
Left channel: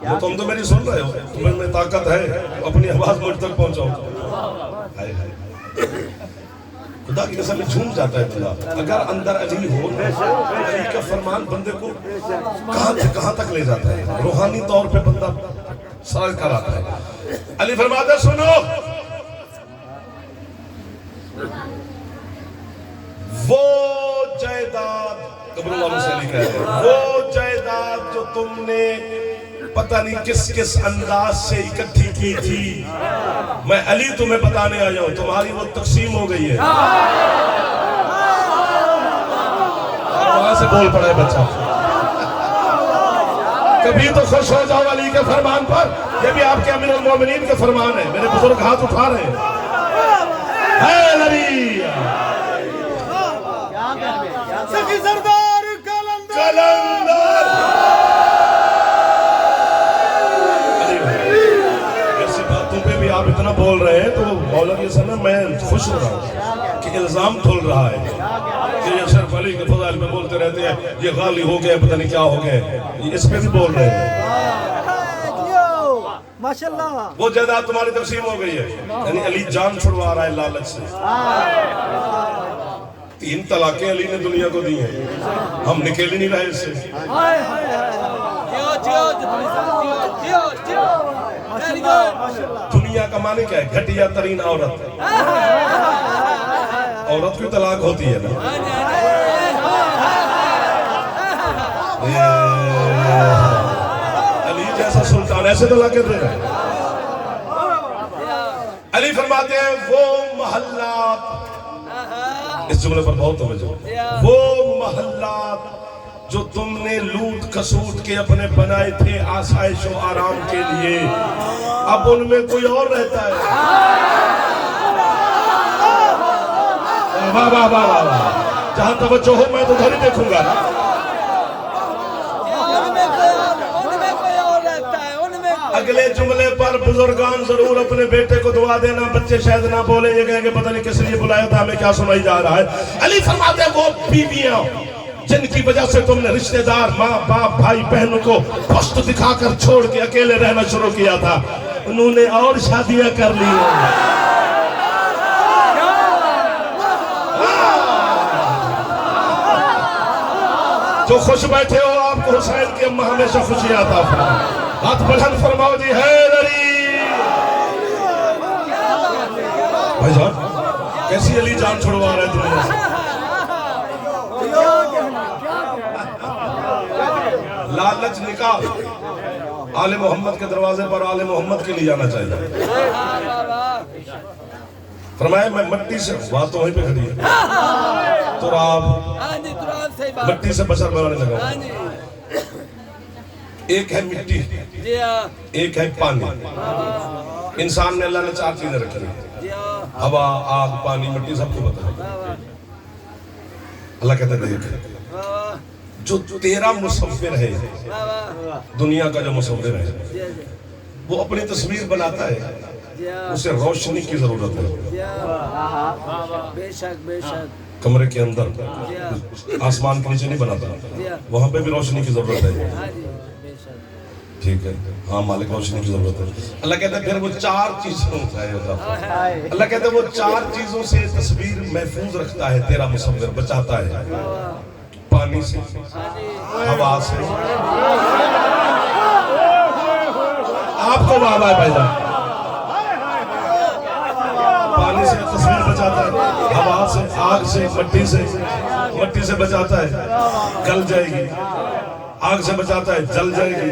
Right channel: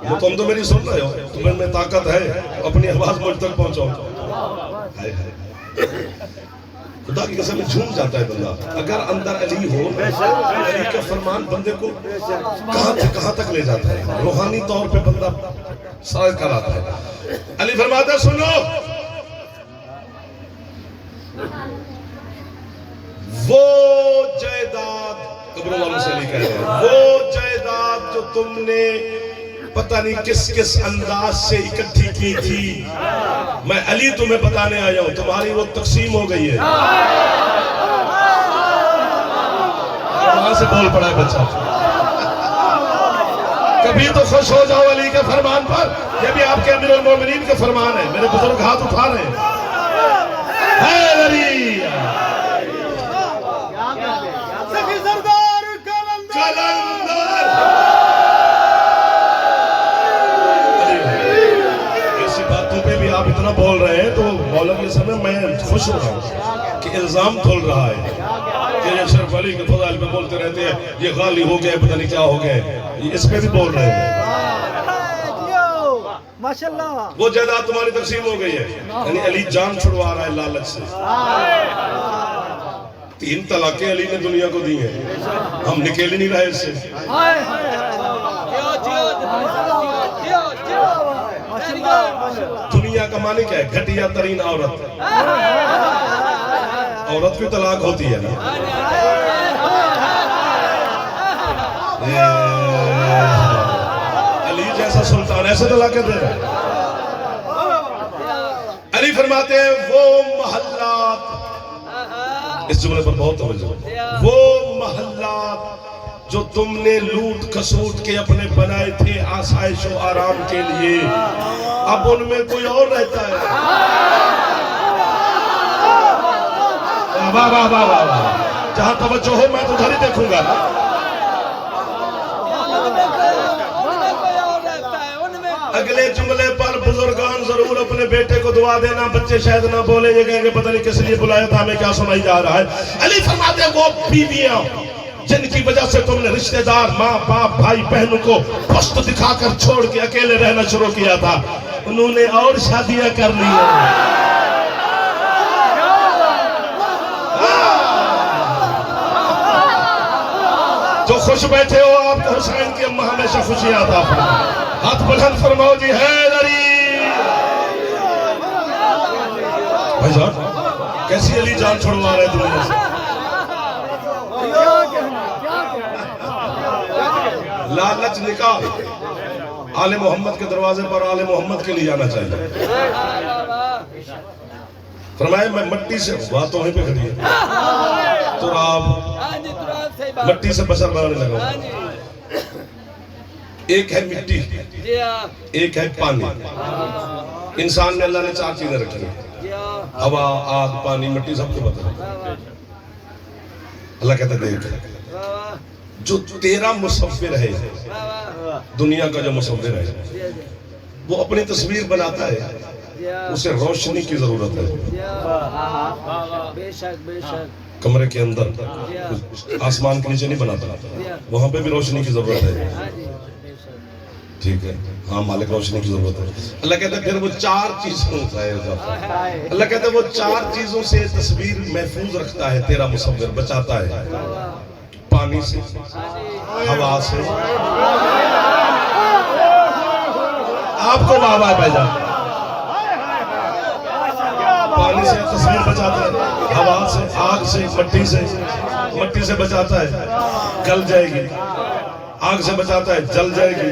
वो तुम तो मेरी सुन रहे हो, तुम्हें में ताकत है, अपनी आवाज मुझ तक पहुंचाओ। हाय हाय खुदा की कसम झूम जाता है बंदा अगर अंदर अली हो। अली का फरमान बंदे को कहां से कहां तक ले जाता है, रूहानी तौर पे बंदा सर कराता है। अली फरमाते सुनो, वो जायदाद कब्रों वालों से लिखा है, वो जायदाद जो तुमने पता नहीं किस किस अंदाज से इकट्ठी की थी, मैं अली तुम्हें बताने आया हूं, तुम्हारी वो तकसीम हो गई है। वहां से बोल पड़ा है बच्चा। कभी तो खुश हो जाओ अली के फरमान पर, ये भी आपके अमीरुल मोमिनीन के फरमान है। मेरे बुजुर्ग हाथ उठा रहे हैं। ऐसी बातों पे भी आप इतना बोल रहे हैं तो मौलवी साहब मैं खुश हो रहा हूँ कि इल्जाम खोल रहा है कि ये सिर्फ अली के फज़ाइल पे बोलते रहते हैं, ये गाली हो गया पता नहीं क्या हो गया, इस पे भी बोल रहे हैं। माशाल्लाह वो जायदाद तुम्हारी तकसीम हो गई है, यानी अली जान छुड़वा रहा है लालच से। 3 तलाकें अली ने दुनिया को दी हैं, हम निकल ही नहीं रहे इससे। माशाल्लाह माशाल्लाह। दुनिया का माने क्या है? घटिया तरीन औरत। औरत की तलाक होती है ना। अली जैसा सुल्तान ऐसे तलाकें दे रहा है। अली फरमाते हैं वो महल्लात, इस जुमले पर बहुत तवज्जो, वो महल्लात जो तुमने लूट खसूट के अपने बनाए थे आसाइश और आराम के लिए, अब उनमें कोई और रहता है। वाह वाह वाह वाह वाह, जहां तवज्जो हो मैं तो उधर ही देखूंगा। अगले जुमले पर बुजुर्गान जरूर अपने बेटे को दुआ देना, बच्चे शायद ना बोले, ये कहेंगे पता नहीं किस लिए बुलाया था, हमें क्या सुनाई जा रहा है। अली फरमाते हैं वो बीवियां जिनकी वजह से तुमने रिश्तेदार माँ बाप भाई बहनों को पुष्ट दिखाकर छोड़ के अकेले रहना शुरू किया था, उन्होंने और शादियां कर ली। जो खुश बैठे हो आपको हुसैन की अम्मा हमेशा खुशी आता है। हाथ बुलंद फरमाओ जी हैदरी। भाई साहब कैसी अली जान छुड़वा रहे दुनिया से। लालच निकाल, आले मोहम्मद के दरवाजे पर आले मोहम्मद के लिए जाना चाहिए। फरमाया मैं मिट्टी से, बात तो वहीं पे खड़ी है, तुराब मिट्टी से बशर बनाने लगा। एक है मिट्टी, एक है पानी। इंसान में अल्लाह ने 4 चीजें रखी हैं, हवा आग पानी मिट्टी, सबको पता है। अल्लाह कहता देख जो तेरा मुसव्विर है, दुनिया का जो मुसव्विर है वो अपनी तस्वीर बनाता है, उसे रोशनी की जरूरत है। कमरे के अंदर आसमान के नीचे नहीं बनाता, वहां पे भी रोशनी की जरूरत है। ठीक है, हाँ मालिक रोशनी की जरूरत है। अल्लाह कहता है फिर वो 4 चीजों है, अल्लाह कहता है वो 4 चीजों से तस्वीर महफूज रखता है, तेरा मुसव्विर बचाता है। पानी से, हवा से, आपको बाबा है भाईजान, पानी से तस्वीर बचाता है, हवा से, आग से, मट्टी से बचाता है, गल जाएगी। आग से बचाता है, जल जाएगी।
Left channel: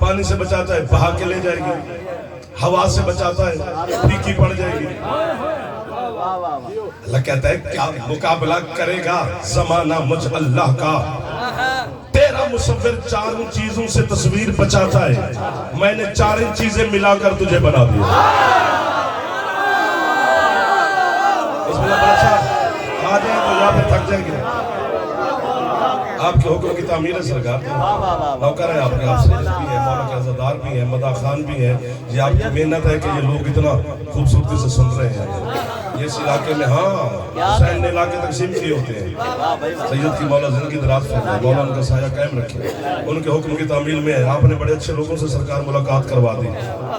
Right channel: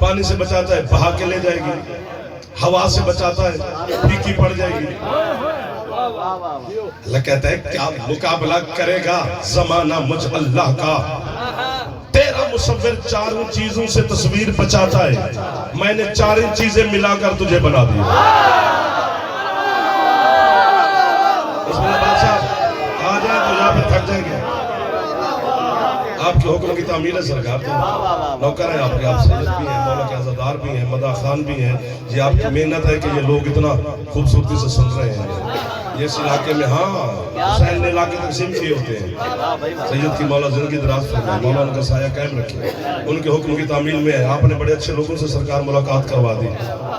पानी से बचाता है, बहा के ले जाएगी। हवा से बचाता है, फीकी पड़ जाएगी। अल्लाह कहता है क्या मुकाबला करेगा जमाना मुझ अल्लाह का। तेरा मुसव्विर चारों चीजों से तस्वीर बचाता है, मैंने चारों चीजें मिलाकर तुझे बना दिया। इसमें बादशाह आ जाए तो यहाँ पे थक जाएंगे। आपके हुक्म की तामीर है सरकार, नौकर है आपके, आप सैयद भी हैं, मौला के अज़ादार भी हैं, मदा खान भी हैं। ये आपकी मेहनत है कि ये लोग इतना खूबसूरती से सुन रहे हैं। ये इस इलाके में हाँ हुसैन ने इलाके तकसीम किए होते हैं। सैयद की मौला जिंदगी दराज फरमाए, मौला उनका साया कायम रखे, उनके हुक्म की तामील में है। आपने बड़े अच्छे लोगों से सरकार मुलाकात करवा दी,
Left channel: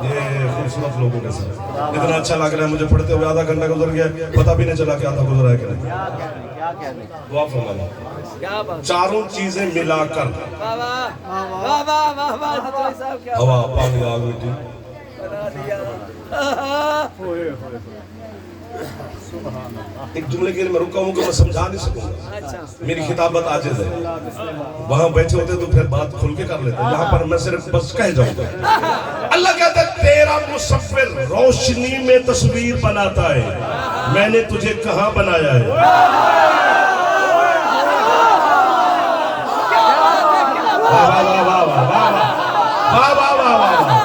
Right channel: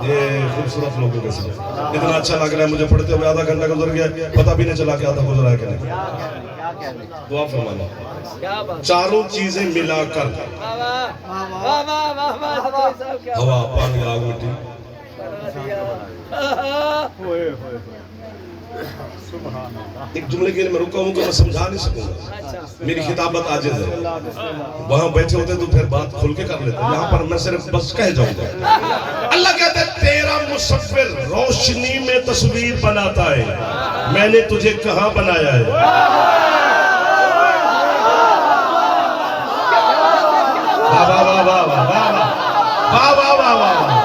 ये खूबसूरत लोगों के साथ इतना अच्छा लग रहा है। मुझे पढ़ते हुए आधा घंटा गुजर गया, पता भी नहीं चला कि आधा गुजरा है कि नहीं। दुआ फरमाना, चारों चीजें मिलाकर, हवा, पानी, आग, मिट्टी, एक जुमले के लिए मैं रुका हूँ कि मैं समझा नहीं सकूंगा, मेरी खिताबत आजिज़ है। वहां बैठे होते तो फिर बात खुल के कर लेते, यहाँ पर मैं सिर्फ बस कह जाऊंगा। अल्लाह कहता है तेरा मुसव्विर रोशनी में तस्वीर बनाता है, मैंने तुझे कहाँ बनाया है। वाह वाह वाह वाह वाह वाह वाह वाह वाह वाह वाह।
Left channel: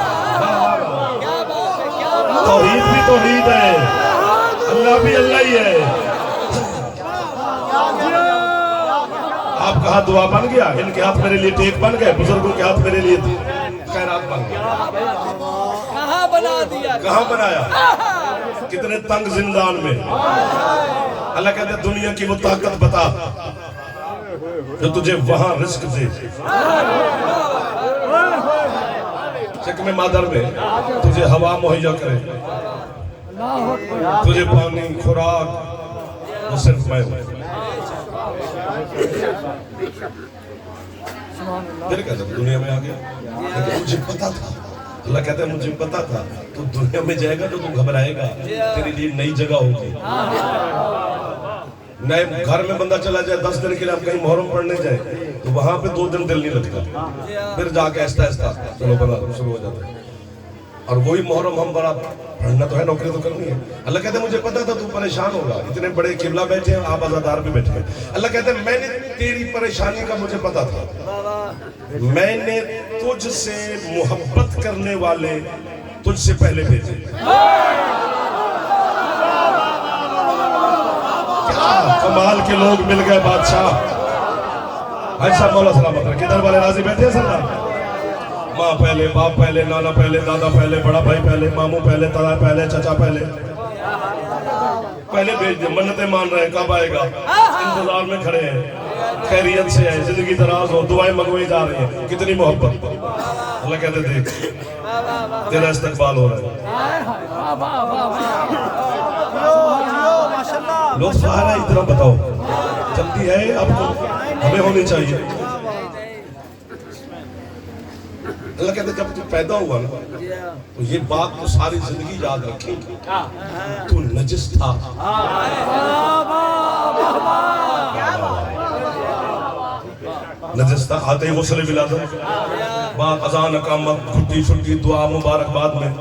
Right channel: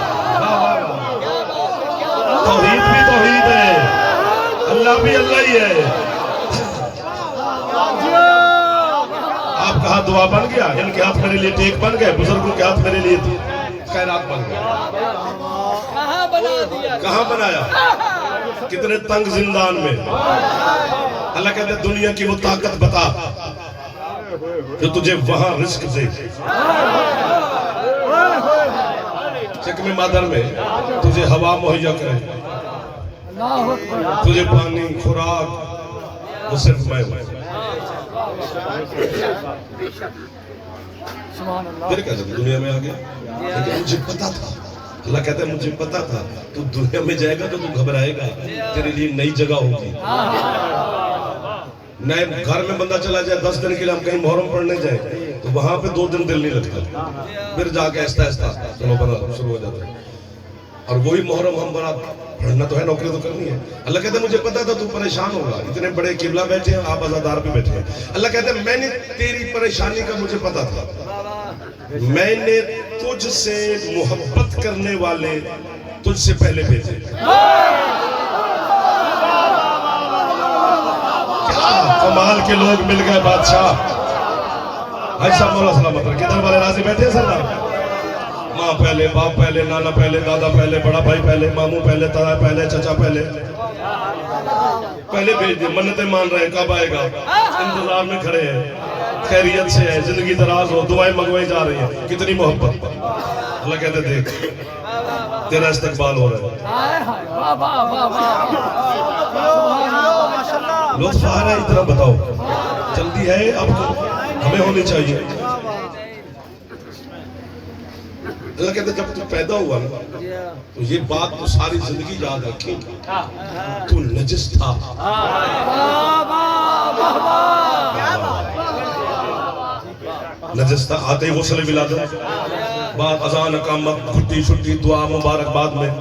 तौहीद भी तौहीद है, अल्लाह भी अल्लाह ही है। आपका हाथ दुआ बन गया, इनके हाथ मेरे लिए टेक बन गए, बुजुर्गों के हाथ मेरे लिए खैरात बन गए। कहाँ बनाया? कितने तंग जिंदान में। अल्लाह कहते दुनिया की वो ताकत बता जो तुझे वहां रिस्क दे। चिकमे मादर में तुझे हवा मुहैया करे, तुझे पानी, खुराक, वो सिर्फ मैं हूं। फिर क्या दुनिया में आ गया, लेकिन मुझे पता था। अल्लाह कहते हैं मुझे पता था तू दुनिया में जाएगा तो तू घबराएगा, तेरे लिए नई जगह होगी। नए घर में बंदा चला जाए 10 दिन के लिए, हम कहीं मुहर्रम पढ़ने जाए तो वहां पे 2 दिन दिल नहीं लगता, फिर जाके आहिस्ता आहिस्ता चलो बना शुरू हो जाता है। और वही मुहर्रम हम बना पढ़ना तो है, नौकरी तो करनी है। अल्लाह कहते हैं मुझे पता था तू परेशान होगा, इतने बड़े किबला बैठे हैं, आप अज़ादार भी बैठे हैं। अल्लाह कहते हैं मैंने तेरी परेशानी का मुझे पता था, मैंने तुझसे मोहब्बत करने वाले तुझसे पहले भेजे। कमाल के लोग मिल गए बादशाह। अच्छा मौला सलामत रखे, किधर वाले राजी बैठे हैं सरदार? माँ पहले, बाप पहले, नाना पहले, दादा पहले, बड़ा भाई पहले, मामू पहले, ताया पहले, चचा पहले भेज दिए। मन्नतें मान रहे हैं कब आएगा, इंतजार में खड़े हैं, खैरियत से है, जिंदगी दराज हो, दुआएं मंगवाई जा रही हैं, कितनी मोहब्बत। अल्लाह कहते देख तेरा इस्तकबाल हो रहा है। लोग सहारा इतना बताओ, जल्दी है अब हमें होनी चाहिए। अल्लाह कहते जब तू पैदा हुआ ना तो ये बात तो सारी जिंदगी याद रखी, तू नजिस था। नजिस था, आते ही गुस्ल विलादत, बाद अजान, अकामत, छुट्टी छुट्टी, दुआ, मुबारकबाद में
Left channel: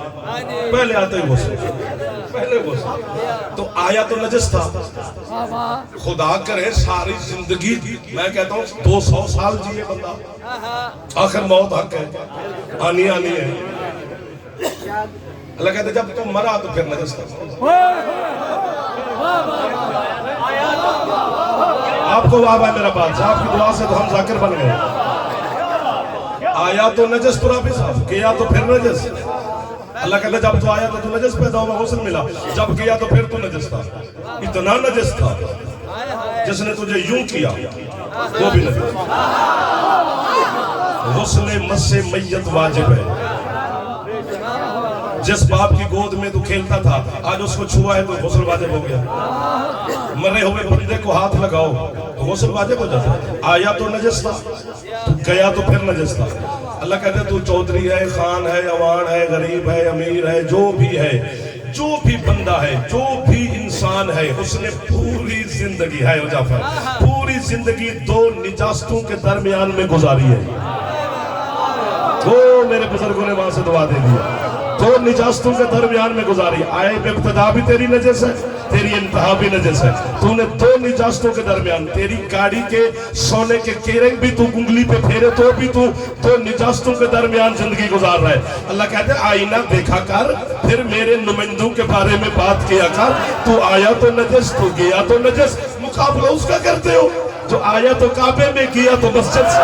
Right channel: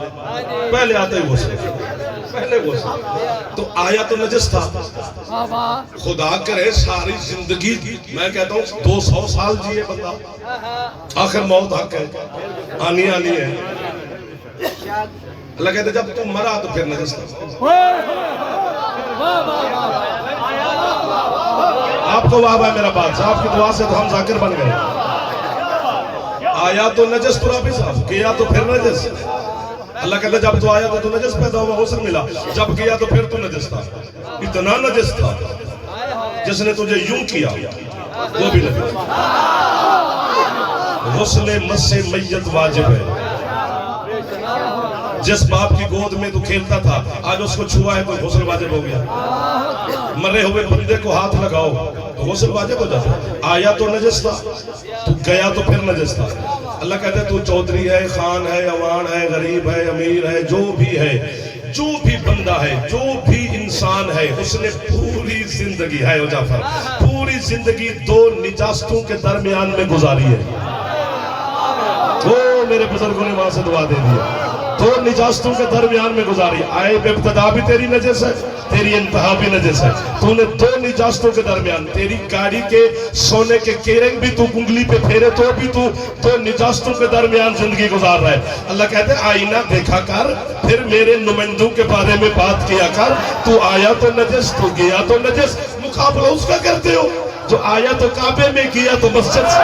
पहले आते ही गुस्ल, पहले गुस्ल। तो आया तो नजिस था। खुदा करे सारी जिंदगी, मैं कहता हूँ 200 साल जिए बंदा, आखिर मौत हक है, आनी आनी है। अल्लाह कहते जब तुम मरा तो फिर नजिस था। आपको वाह भाई मेरा बादशाह, आपकी दुआ से तो हम जाकिर बन गए। आया तो नजस तुरा भी साफ किया तो फिर नजस। अल्लाह कहता जब तो आया तो नजस पैदा हुआ, हुस्न मिला, जब किया तो फिर तो नजस था। इतना नजस था जिसने तुझे यूं किया वो भी नजस। हुस्न मस्से मैयत वाजिब है। जिस बाप की गोद में तू खेलता था आज उसको छुआ है तो हुस्न वाजिब हो गया। मरे हुए बंदे को हाथ लगाओ तो गुस्ल वाजिब हो जाता। आया तो नजस था, तू गया तो फिर नजस था। अल्लाह कहते तू चौधरी है, खान है, अवान है, गरीब है, अमीर है, जो भी है, जो भी बंदा है, जो भी इंसान है, उसने पूरी जिंदगी है जाफर, पूरी जिंदगी 2 निजास्तों के दरमियान में गुजारी है। वो मेरे बुजुर्गों ने वहां से दुआ दे दिया। دو نجاستوں کے درمیان میں گزاری. آئے ابتدا بھی تیری نجس ہے, تیری انتہا بھی نجس ہے. تو نے دو نجاستوں کے درمیان, تیری گاڑی کے سونے کے کیرنگ بھی تو انگلی پہ پھیرے تو بھی تو دو نجاستوں کے درمیان زندگی گزار رہا ہے. اللہ کہتے ہیں آئینہ دیکھا کر, پھر میرے نمائندوں کے بارے میں بات کیا کر. تو آیا تو نجس, تو گیا تو نجس. مقابلہ اس کا کرتے ہو جو آیا تو کعبے میں, گیا تو مسجد سے.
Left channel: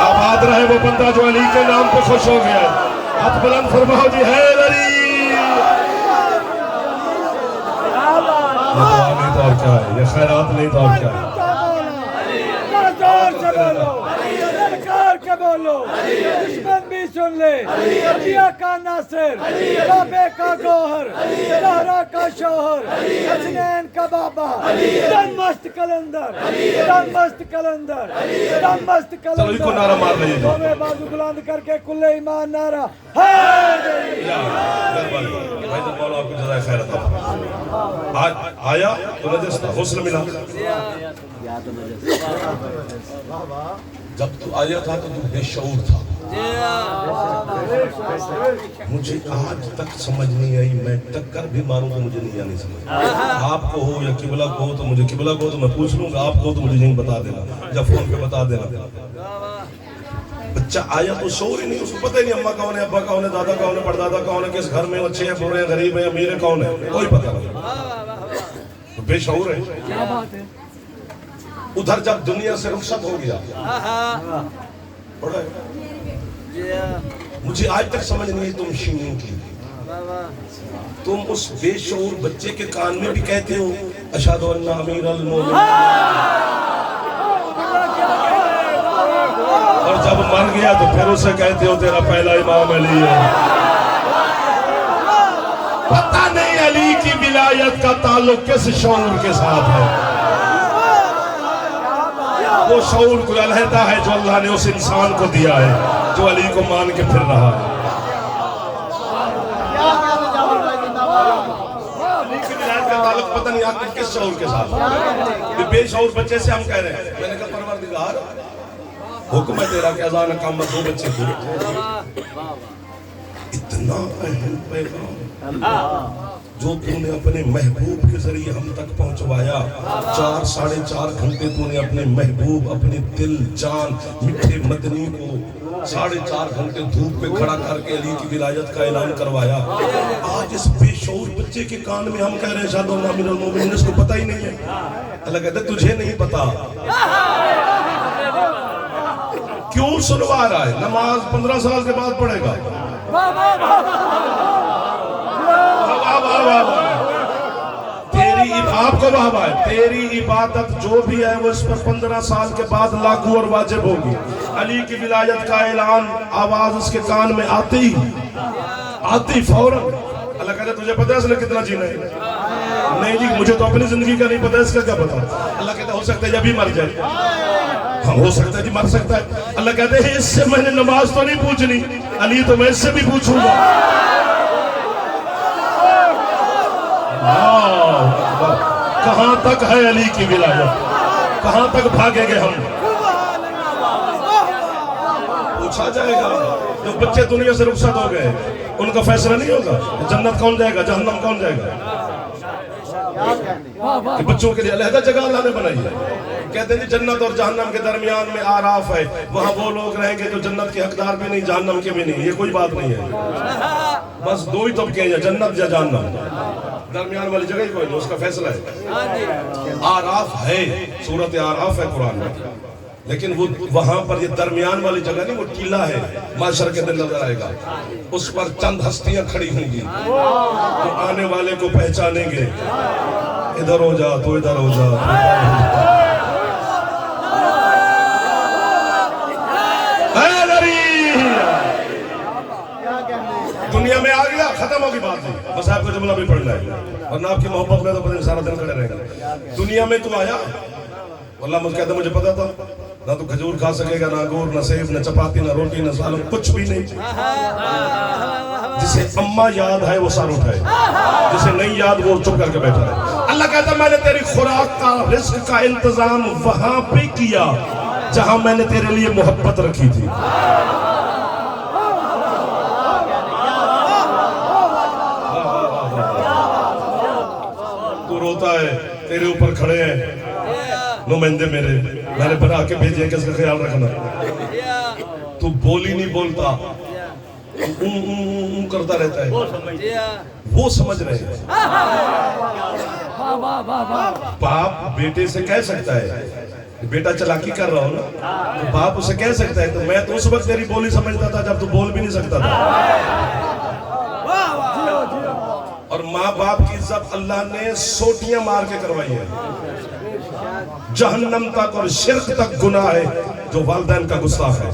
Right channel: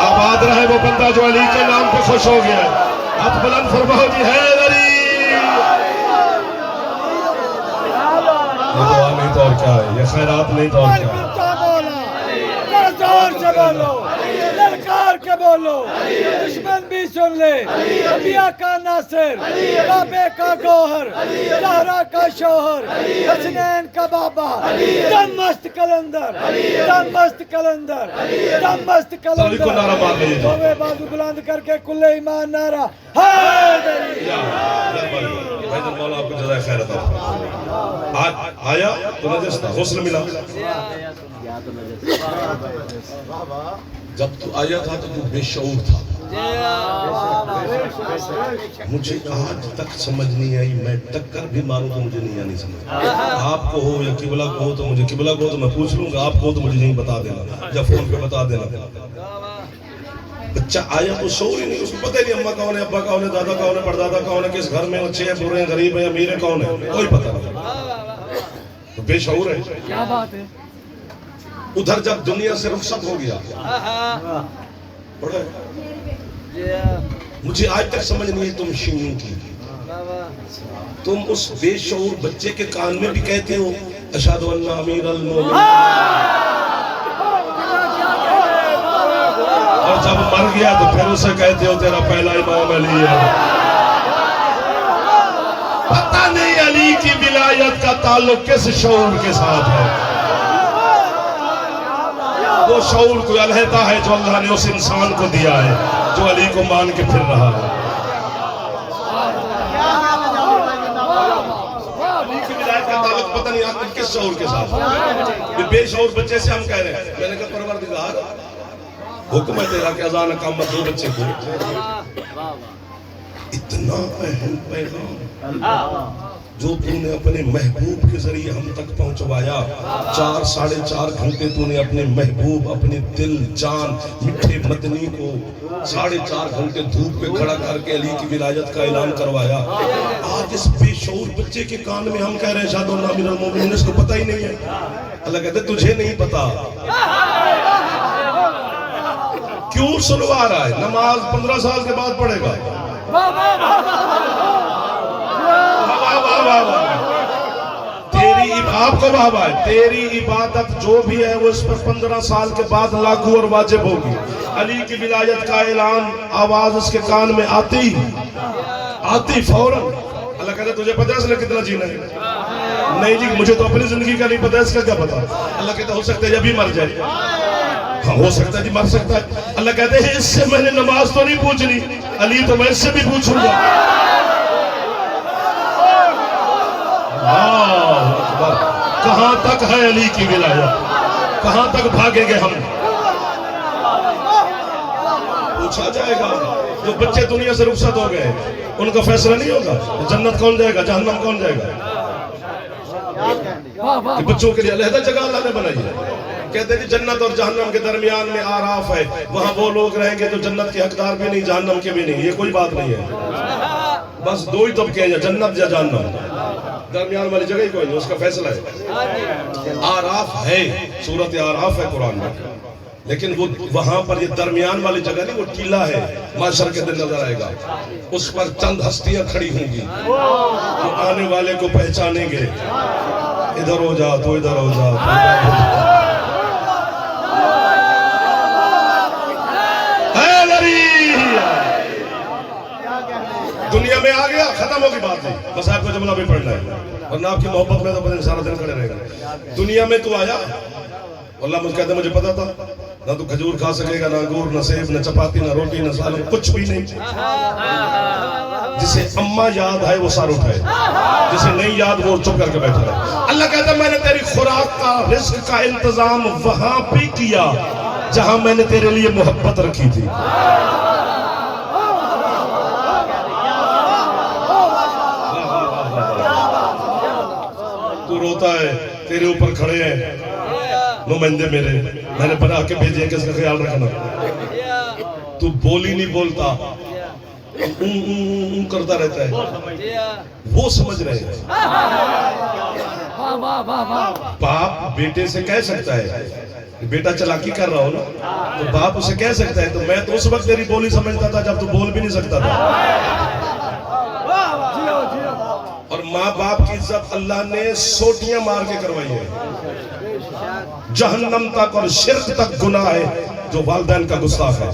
آباد رہے وہ بندہ جو علی کے نام پہ خوش ہو گیا. اب بلند فرماؤ جی حیدر علی. یہ دعا نہیں تو اور کیا ہے, یہ خیرات نہیں تو اور کیا ہے. بولو دشمن بھی سن لے. علیہ کا ناصر, کعبے کا گوہر, زہرا کا شوہر, حسنین کا بابا, دم مست کلندر, دم مست کلندر, دم مست چلو ایک کو نعرہ مار لیجیے. دونوں بازو بلند کر کے کل ایمان نعرہ حیدری. بھائی جان مولا آپ کو جزائے خیر عطا. آیا تو نجس تھا, غسل ملا. جب تو آیا تھا تو تو بے شعور تھا. مجھے آج تک سمجھ نہیں آئی, میں ٹکر بھی ماروں تو مجھے نہیں آنی سمجھ. آپ کو ہو یا قبلہ کو ہو تو مجھے قبلہ کو ہو تو میں پوچھ لوں گا, آپ کو ہو تو مجھے نہیں بتا دینا, جب فون پہ بتا دینا. بچہ آیا تو شعور ہی نہیں, اس کو پتہ ہی نہیں اماں کون ہے, ابا کون ہے, دادا کون ہے, پردادا کون ہے, کس گھر میں اچھے ہیں, برے ہیں, غریب ہیں, امیر ہیں, کون ہے, کوئی پتہ نہیں. تو بے شعور ہے. کیا بات ہے. ادھر جب دنیا سے رخصت ہو گیا, مجھے آج تک سمجھ نہیں ہے تم شیعوں کی. تم اس بے شعور بچے کے کان میں بھی کہتے ہو اشہد ان امیر المومنین, اور جب مر گیا تو پھر اسے کہتے ہو تیرا پہلا امام علی ہے. پتہ نہیں علی کی ولایت کا تعلق کس شعور کے ساتھ ہے. وہ شعور کوئی علیحدہ ہے جو اللہ نے اس انسان کو دیا ہے جو علی کو مان کے پھر رہا ہے. علی کی ولایت کا تعلق پتہ نہیں آپ کس شعور کے ساتھ. بے شعور بچے سے ہم کہہ رہے ہیں. میں نے کہا پروردگار حکم ہے تیرا کہ اذان اقامت دو بچے کو. اتنا اہم پیغام جو تو نے اپنے محبوب کے ذریعے ہم تک پہنچوایا. 4.5 گھنٹے تو نے اپنے محبوب, اپنے دل جان میٹھے مدنی کو 4.5 گھنٹے دھوپ پہ کھڑا کر کے علی کی ولایت کا اعلان کروایا. آج اس بے شعور بچے کے کان میں ہم کہہ رہے ہیں اشہد ان امیر المومنین, اس کو پتہ ہی نہیں ہے. اللہ کہتے تجھے نہیں پتا. کیوں سنوا رہا ہے؟ نماز 15 سال کے بعد پڑھے گا. تیری آپ کو بابا ہے, تیری عبادت جو بھی ہے وہ اس پر 15 سال کے بعد لاگو اور واجب ہوگی. علی کی ولایت کا اعلان آواز اس کے کان میں آتی فوراً. اللہ کہتے تجھے پتہ ہے اس نے کتنا جینا ہے؟ نہیں جی مجھے تو اپنی زندگی کا نہیں پتہ, اس کا کیا پتہ. اللہ کہتے ہو سکتا ہے یہ بھی مر جائے. ہاں ہو سکتا ہے جی, مر سکتا ہے. اللہ کہتے ہیں اس سے میں نے نماز تو نہیں پوچھنی, علی تو میں اس سے بھی پوچھوں گا. کہاں تک ہے علی کی ولایت, کہاں تک بھاگیں گے ہم. پوچھا جائے گا. جو بچے دنیا سے رخصت ہو گئے ان کا فیصلہ نہیں ہوگا جنت کون جائے گا, جہنم کون جائے گا. کہ بچوں کے لیے علیحدہ جگہ اللہ نے بنائی ہے. کہتے ہیں کہ جنت اور جہنم کے درمیان میں آراف ہے, وہاں وہ لوگ رہیں گے جو جنت کے حقدار بھی نہیں, جہنم کے بھی نہیں. یہ کوئی بات نہیں ہے. بس دو ہی طبقے ہیں, جنت یا جہنم. درمیان والی جگہ ہی کوئی نہیں, اس کا فیصلہ ہے. آراف ہے, سورت آراف ہے قرآن میں, لیکن وہ وہاں پر یہ درمیان والی جگہ نہیں, وہ ٹیلا ہے. معاشر کے دن نظر آئے گا, اس پر چند ہستیاں کھڑی ہوں گی, وہ آنے والے کو پہچانیں گے. ادھر ہو جا تو ادھر ہو جا. دنیا میں آ گیا, ختم ہوگی بات نہیں. بس آپ کا جملہ بھی پڑھنا ہے, ورنہ آپ کی محبت میں تو پتہ نہیں سارا دن کھڑے رہے گا. دنیا میں تو آیا, اللہ مجھے کہتا مجھے پتا تھا, نہ تو کھجور کھا سکے گا, نہ انگور, نہ سیب, نہ چپاتی, نہ روٹی, نہ سالن, کچھ بھی نہیں. جسے اماں یاد ہے وہ سر اٹھائے, جسے نہیں یاد وہ چپ کر کے بیٹھا ہے. اللہ کہتا میں نے تیری خوراک کا, رزق کا انتظام وہاں پہ کیا जहां मैंने तेरे लिए मोहब्बत रखी थी। तू रोता है, तेरे ऊपर खड़े हैं नुमाइंदे मेरे, मैंने बना के भेजे कि इसका ख्याल रखना। तू बोल ही नहीं बोलता, करता रहता है, वो समझ रहे हैं। बाप बेटे से कह सकता है, बेटा चालाकी कर रहा हो ना, तो बाप उसे कह सकता है। तो मैं तो उस वक्त तेरी बोली समझता था जब तू बोल भी नहीं सकता था। और माँ बाप की इज्जत अल्लाह ने सोटियां मार के करवाई है। जहन्नम तक और शिर्क तक गुनाह है जो वालिदैन का गुस्ताख है।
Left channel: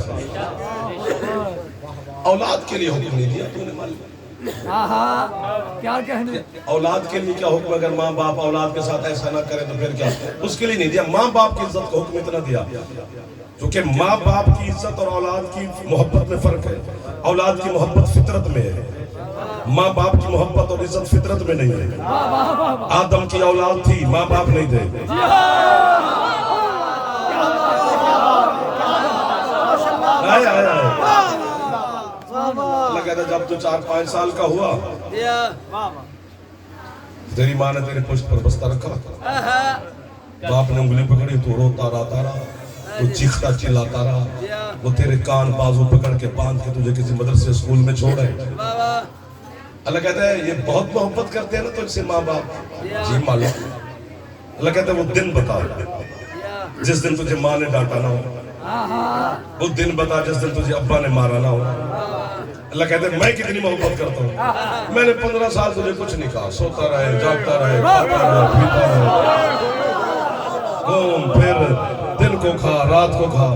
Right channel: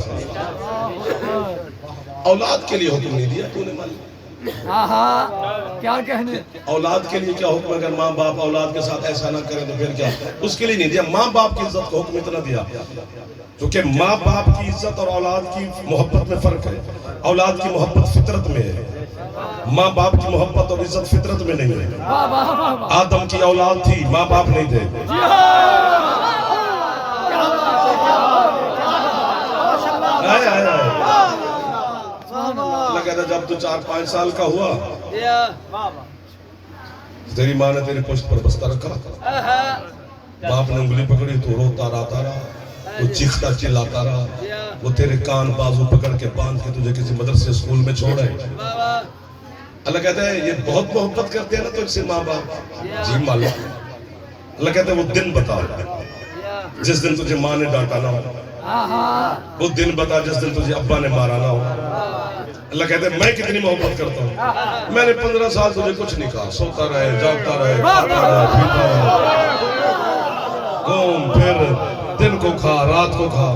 औलाद के लिए हुक्म नहीं दिया तूने मालिक, क्या कहने, औलाद के लिए क्या हुक्म? अगर माँ बाप औलाद के साथ ऐसा ना करें तो फिर क्या? उसके लिए नहीं दिया। माँ बाप की इज्जत का हुक्म इतना दिया, क्योंकि माँ बाप की इज्जत और औलाद की मोहब्बत में फर्क है। औलाद की मोहब्बत फितरत में है, माँ बाप की मोहब्बत और इज्जत फितरत में नहीं है। आदम की औलाद थी, माँ बाप नहीं थे। कहता जब तू 4-5 साल का हुआ, तेरी माँ ने तेरी पुश्त पर बस्ता रखा, बाप ने उंगली पकड़ी, तो रोता राता रहा, तो चीखता चिल्लाता रहा, वो तेरे कान बाजू पकड़ के बांध के तुझे किसी मदरसे स्कूल में छोड़े। अल्लाह कहता है ये बहुत मोहब्बत करते हैं ना तुझसे माँ बाप। जी मालिक। अल्लाह कहता है वो दिन बता जिस दिन तुझे माँ ने डांटा ना हो, वो दिन बता जिस दिन तुझे अब्बा ने मारा ना हो। अल्लाह कहते हैं मैं कितनी मोहब्बत करता हूँ। मैंने 15 साल तुझे कुछ नहीं कहा, सोता रहे, जागता रहे, खाता रहे, पीता रहे, घूम फिर, दिन को खा, रात को खा,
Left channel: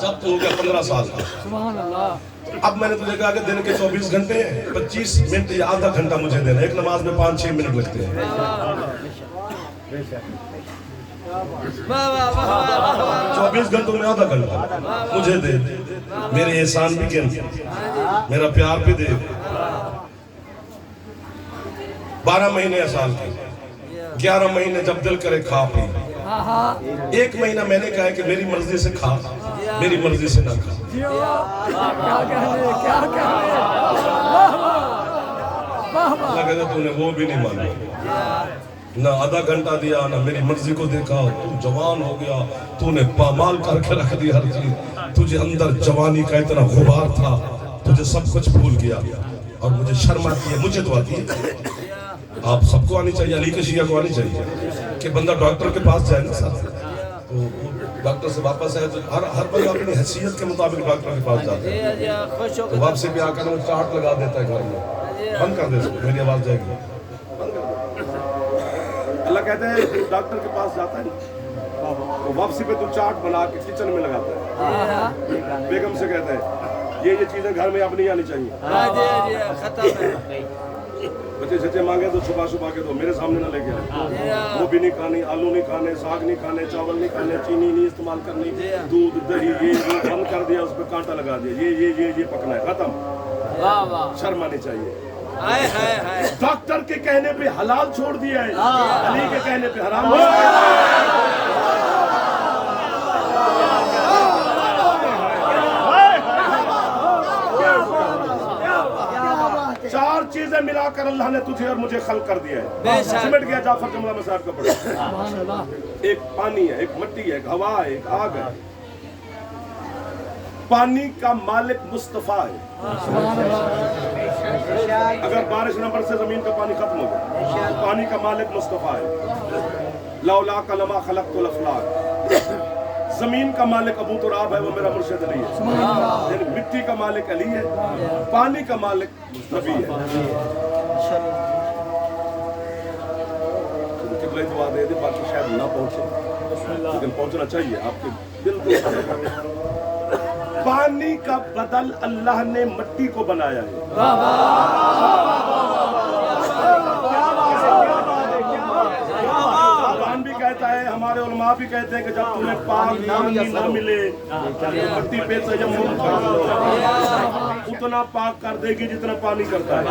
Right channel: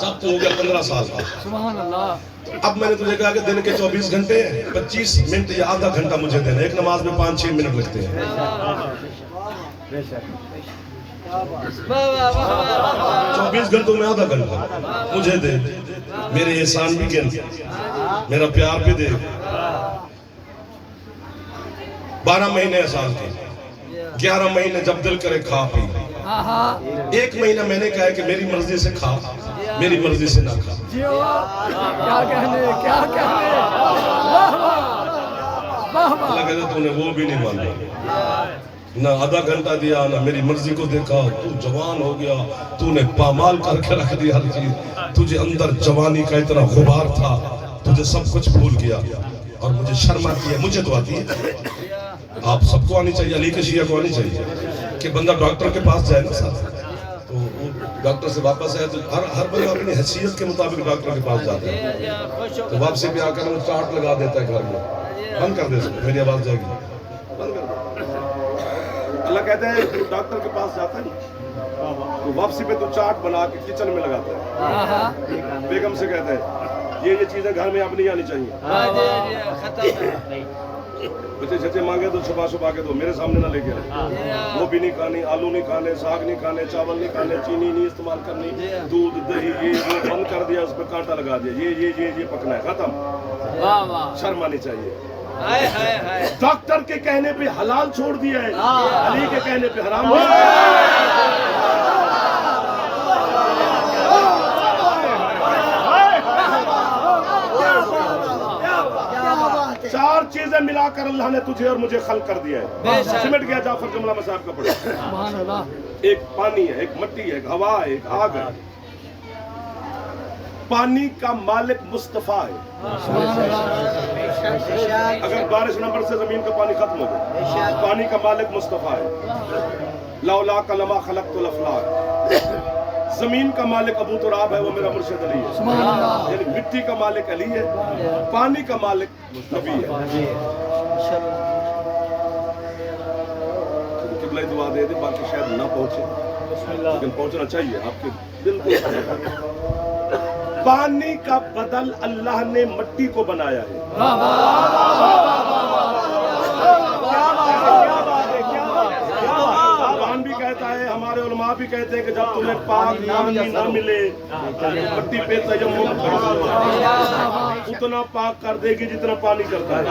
जब तू हो गया 15 साल का। अब मैंने तुझे कहा कि दिन के 24 घंटे 25 मिनट या आधा घंटा मुझे देना। एक नमाज में 5-6 मिनट लगते हैं। 24 घंटों में आधा घंटा मुझे दे, मेरे एहसान भी गिन, मेरा प्यार भी दे। 12 महीने साल के, 11 महीने जब दिल करे खा पी। 1 महीना मैंने कहा कि मेरी मर्जी से खा, मेरी मर्जी से ना खा। लगे तूने वो भी नहीं माना, ना आधा घंटा दिया, ना मेरी मर्जी को देखा। तू जवान हो गया, तूने पामाल करके रख दी हर चीज। तुझे अंदर जवानी का इतना गुबार था, तुझे सब कुछ भूल गया। और मुझे शर्म आती है, मुझे तो आती है, आप सबको आनी चाहिए, अली के शिया को आनी चाहिए कि बंदा डॉक्टर के पास जाए ना सर, तो वो डॉक्टर से वापस आए तो हर बंदा अपनी हैसियत के मुताबिक डॉक्टर के पास जाता है। तो वापसी पे आकर वो चार्ट लगा देता है घर में, बंद कर दे इसको, मेरी आवाज जाएगी, बंद कर दे। अल्लाह कहते हैं डॉक्टर के पास जाता है ना, तो वापसी पे तो चार्ट बना के किचन में लगाता है। बेगम से कहता है ये चीजें घर में अब नहीं आनी चाहिए। बच्चे छच्चे मांगे तो छुपा के दो, मेरे सामने ना लेके आए। वो भी नहीं खानी, आलू नहीं खाने, साग नहीं खाने, चावल नहीं खाने, चीनी नहीं इस्तेमाल करनी, दूध दही ये बंद कर दिया, उस पर कांटा लगा दिया, ये पकना है, खत्म। शर्म आनी चाहिए। डॉक्टर के कहने पे हलाल छोड़ दिया है, अली के कहने पे हराम नहीं। चार चीजें मिलाकर अल्लाह ने तुझे और मुझे खल्क कर दिया है। सिमट गया जाफर जमला में साहब का पढ़ा। एक पानी है, एक मिट्टी है, एक हवा है, एक आग है। पानी का मालिक मुस्तफा है। अगर बारिश नंबर से जमीन का पानी खत्म हो जाए, पानी का मालिक मुस्तफा है। लौला कलमा खलक़तुल अफ़लाक। जमीन का मालिक अबू तुराब है, वो मेरा मुर्शिद अली है। यानी मिट्टी का मालिक अली है, पानी का मालिक नबी है। तो किबला दुआ दे दे, बाकी शायद ना पहुंचे, लेकिन पहुंचना चाहिए आपके बिल्कुल। पानी का बदल अल्लाह ने मिट्टी को बनाया है। कुरान भी कहता है, हमारे उलमा भी कहते हैं कि जब तुम्हें पाक पानी ना मिले तो मिट्टी पे तयम्मुम करो, उतना पाक कर देगी जितना पानी करता है।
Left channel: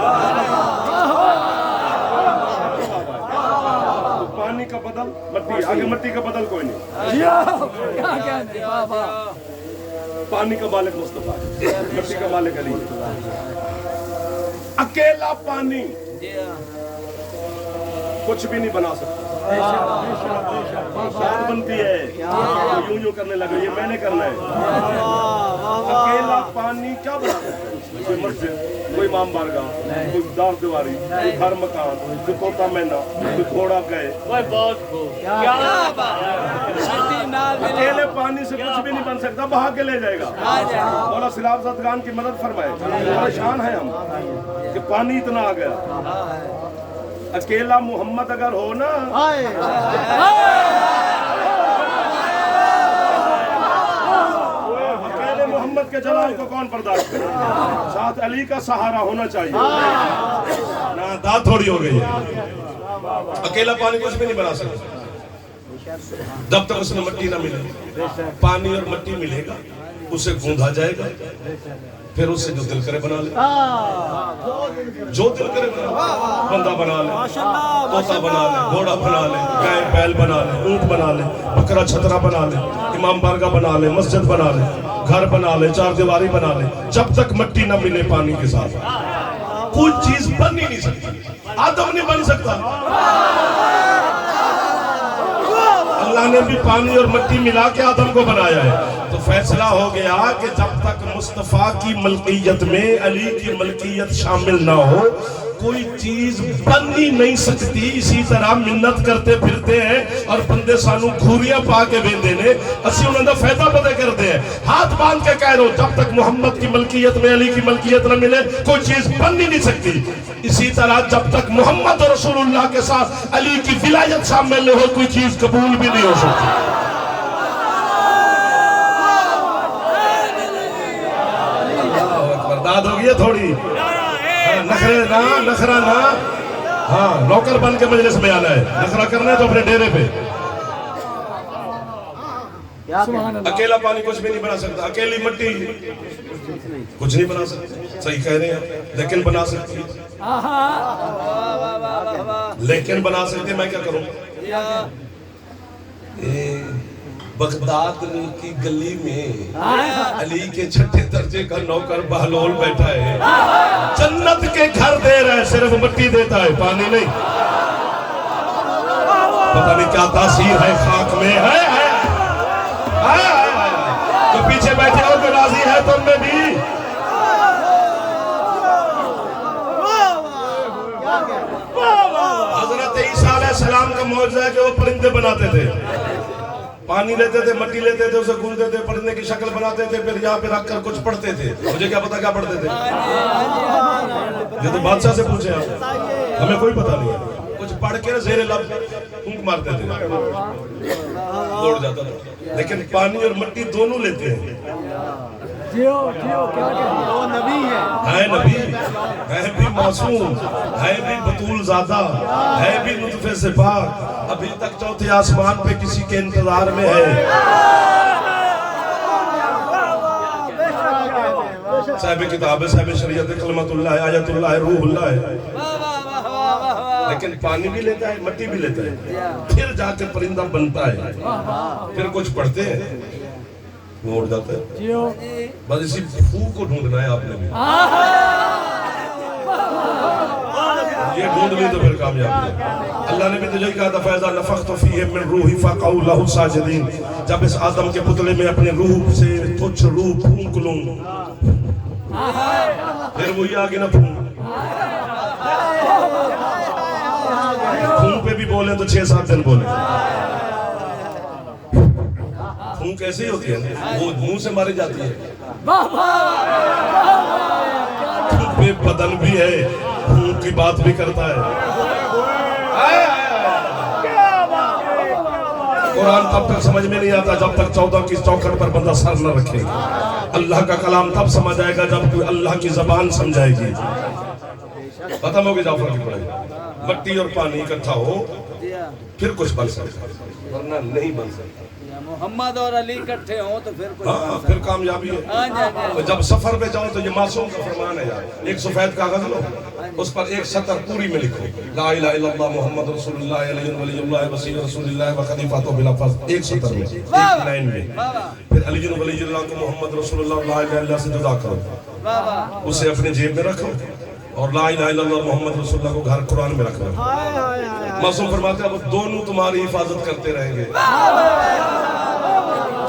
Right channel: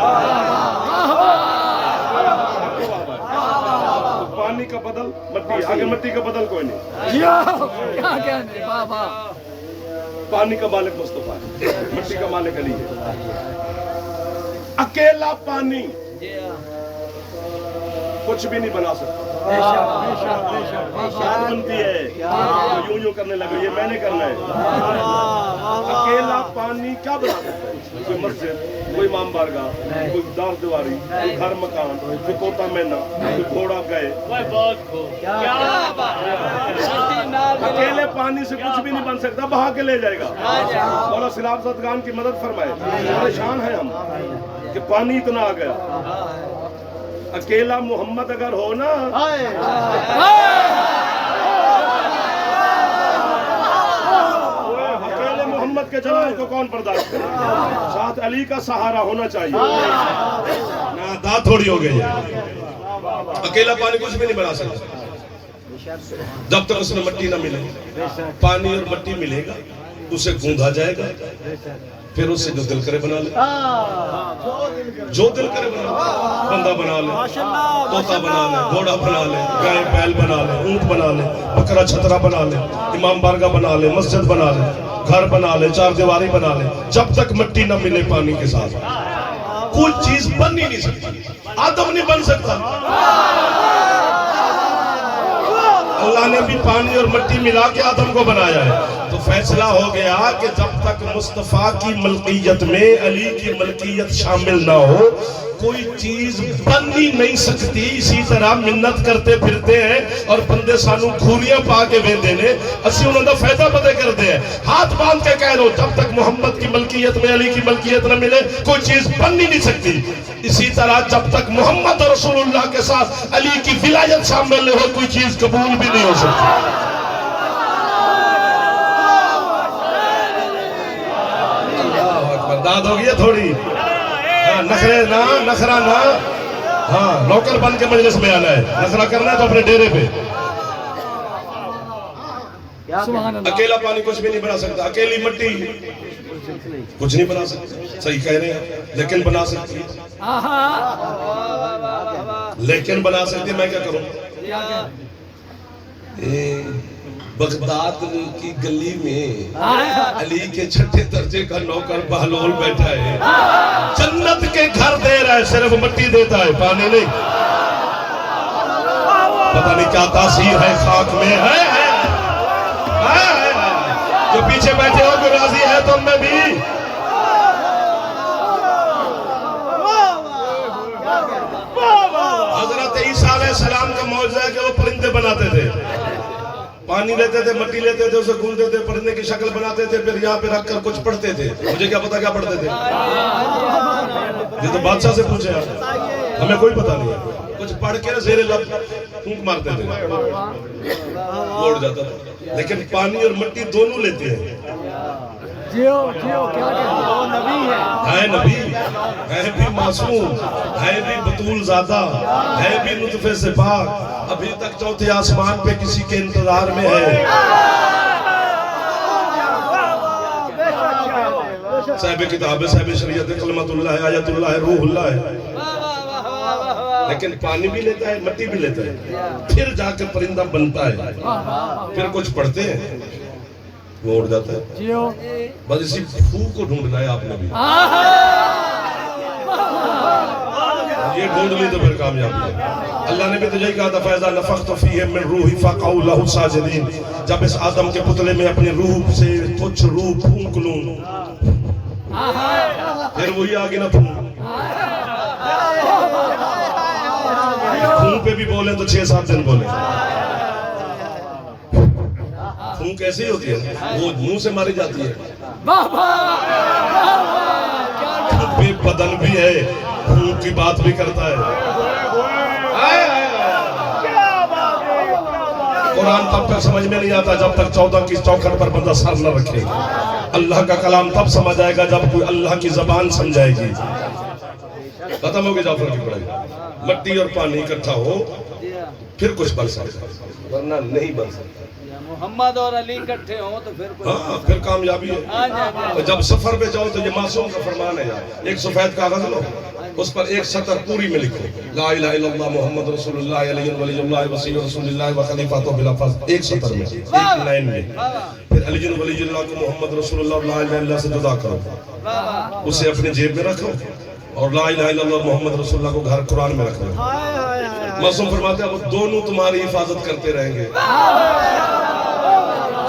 तो पानी का बदल मट्टी, आगे मट्टी का बदल कोई नहीं। जियो क्या कहने वाह वाह पानी का मालिक मुस्तफा है, मट्टी का मालिक अली है। अकेला पानी कुछ भी नहीं बना सकता। बात बनती है तो यूं यूं करने लगे, ये मैंने करना है। अकेला पानी क्या बना सकता है? कोई मस्जिद, कोई इमाम बारगाह, कोई दार दीवारी, कोई घर मकान, कोई तोता मैना, कोई घोड़ा गए। अकेले पानी से कुछ भी नहीं बन सकता, बहा के ले जाएगा। मौला सिलाब सदगान की मदद फरमाए। परेशान है हम कि पानी इतना आ गया। अकेला मोहम्मद अगर हो ना, अकेले मोहम्मद के जलाल को कौन बर्दाश्त करे? साथ अली का सहारा होना चाहिए। ना दांत थोड़ी हो गई है। अकेला पानी कुछ भी नहीं बना सकता जब तक उसमें मट्टी ना मिले। पानी और मट्टी मिलेगा, उसे गूंधा जाएगा, फिर उसे जो दिल करे बना ले, जो दिल करे बना ले। बंदा बना ले, तोता बना ले, घोड़ा बना ले, गाय बैल बना ले, ऊंट बना ले, बकरा छतरा बना ले, इमाम बारगाह बना ले, मस्जिद बना ले, घर बना ले, चार दीवारी बना ले। जब तक मट्टी ना मिले पानी के साथ कोई चीज बन ही नहीं सकती। आदम नहीं बन सकता। अल्लाह ने भी पानी और मट्टी मिला के आदम को बनाया है। तो फैसला हो गया कि जब तक मुस्तफा की मलकियत में अली की मलकियत शामिल ना हो कोई चीज बन ही नहीं सकती। इसी तरह मिन्नत करते फिरते हैं और बंदे सानू खूरियां पा के वेंदे ने, असि उन्हां दा फायदा पता करते हैं। हाथ बांध के कह रहे हो जब तक मोहम्मद की मलकियत में अली की मलकियत न मिले कोई चीज बन ही नहीं सकती। इसी तरह जब तक मोहम्मद और रसूलुल्लाह के साथ अली की विलायत शामिल हो कोई चीज कबूल भी नहीं हो सकती। बर्दाश्त हो गई थोड़ी। हाँ, नखरे ना, नखरा ना। हाँ, नौकर बन के मजलिस में आना है। नखरा करना है तो अपने डेरे पे। अकेला पानी कुछ भी नहीं बना सकता। अकेली मट्टी कुछ नहीं बना सकती। सही कह रहे हैं, लेकिन बना सकती है। लेकिन बना सकती है। मैं क्या करूं? बगदाद की गली में अली के छठे दर्जे का नौकर बहलोल बैठा है। जन्नत के घर दे रहा है, सिर्फ मिट्टी देता है, पानी नहीं। पता नहीं क्या तासीर है खाक में है। तो पीछे बैठे हो कि राजी है तुम में भी? हजरत ईसा अलैहिस्सलाम का मौजज़ा है कि वो परिंदे बनाते थे। पानी लेते थे, मट्टी लेते थे, उसे गूंथते थे, परिंदे की शक्ल बनाते थे, फिर यहाँ पे रखकर कुछ पढ़ते थे। मुझे क्या पता क्या पढ़ते थे? ये तो बादशाह से पूछे आप, हमें कोई पता नहीं है। कुछ पढ़ के ज़ेरे लब फूंक मारते थे, उड़ जाता था। लेकिन पानी और मट्टी दोनों लेते हैं। है नबी, है भी मासूम, है भी बतूल ज़ादा, है भी नुतफे से पाक, अभी तक चौथे आसमान पे किसी के इंतजार में है। साहिब किताब है, साहिब शरीयत, कलमतुल्लाह है, आयतुल्लाह है, रूहुल्लाह है। लेकिन पानी भी लेता है, मट्टी भी लेता है, फिर जाकर परिंदा बनता है, फिर कुछ पढ़ते हैं, वो उड़ जाता है। बस इसी फू को ढूंढना है आपने भी। ये ढूंढ ली तो फिर कामयाब है। अल्लाह ने भी तो यही कहा था, फैज़ा नफ़ख़्तु फ़ीहि मिन रूही फ़क़ऊ लहू साजिदीन। जब इस आदम के पुतले में अपनी रूह से तुच्छ रूह फूंक लूं, फिर वही आगे ना फूंक। फूंक पे भी बोले तो 6-7 दिन बोले। फूंक कैसी होती है? वो मुंह से मारी जाती है। बे बदन भी है, फूंक की बात भी करता है। कुरान तब तक समझ में नहीं आता जब तक 14 की चौखट पर बंदा सर न रखे। अल्लाह का कलाम तब समझ आएगा जब कोई अल्लाह की जबान समझाएगी। खत्म हो गई जाफर की पढ़ाई। मट्टी और पानी इकट्ठा हो फिर कुछ बन सकता है, वरना नहीं बन सकता। मोहम्मद और अली इकट्ठे हो तो फिर कुछ। हाँ, फिर कामयाबी है। तो जब सफर पे जाओ तो ये मासूम का फरमान है यार, एक सफेद कागज लो, اس پر ایک سطر پوری میں لکھو لا الہ الا اللہ محمد رسول اللہ علیہ ولی اللہ وسیع رسول اللہ و خلیفۃ بلا فضل، ایک سطر میں، ایک لائن میں. پھر علی ولی اللہ کو محمد رسول اللہ لا الہ الا اللہ سے جدا کرو، اسے اپنے جیب میں رکھو، اور لا الہ الا اللہ محمد رسول اللہ کو گھر قرآن میں رکھنا. معصوم فرماتے ہیں وہ دونوں تمہاری حفاظت کرتے رہیں گے،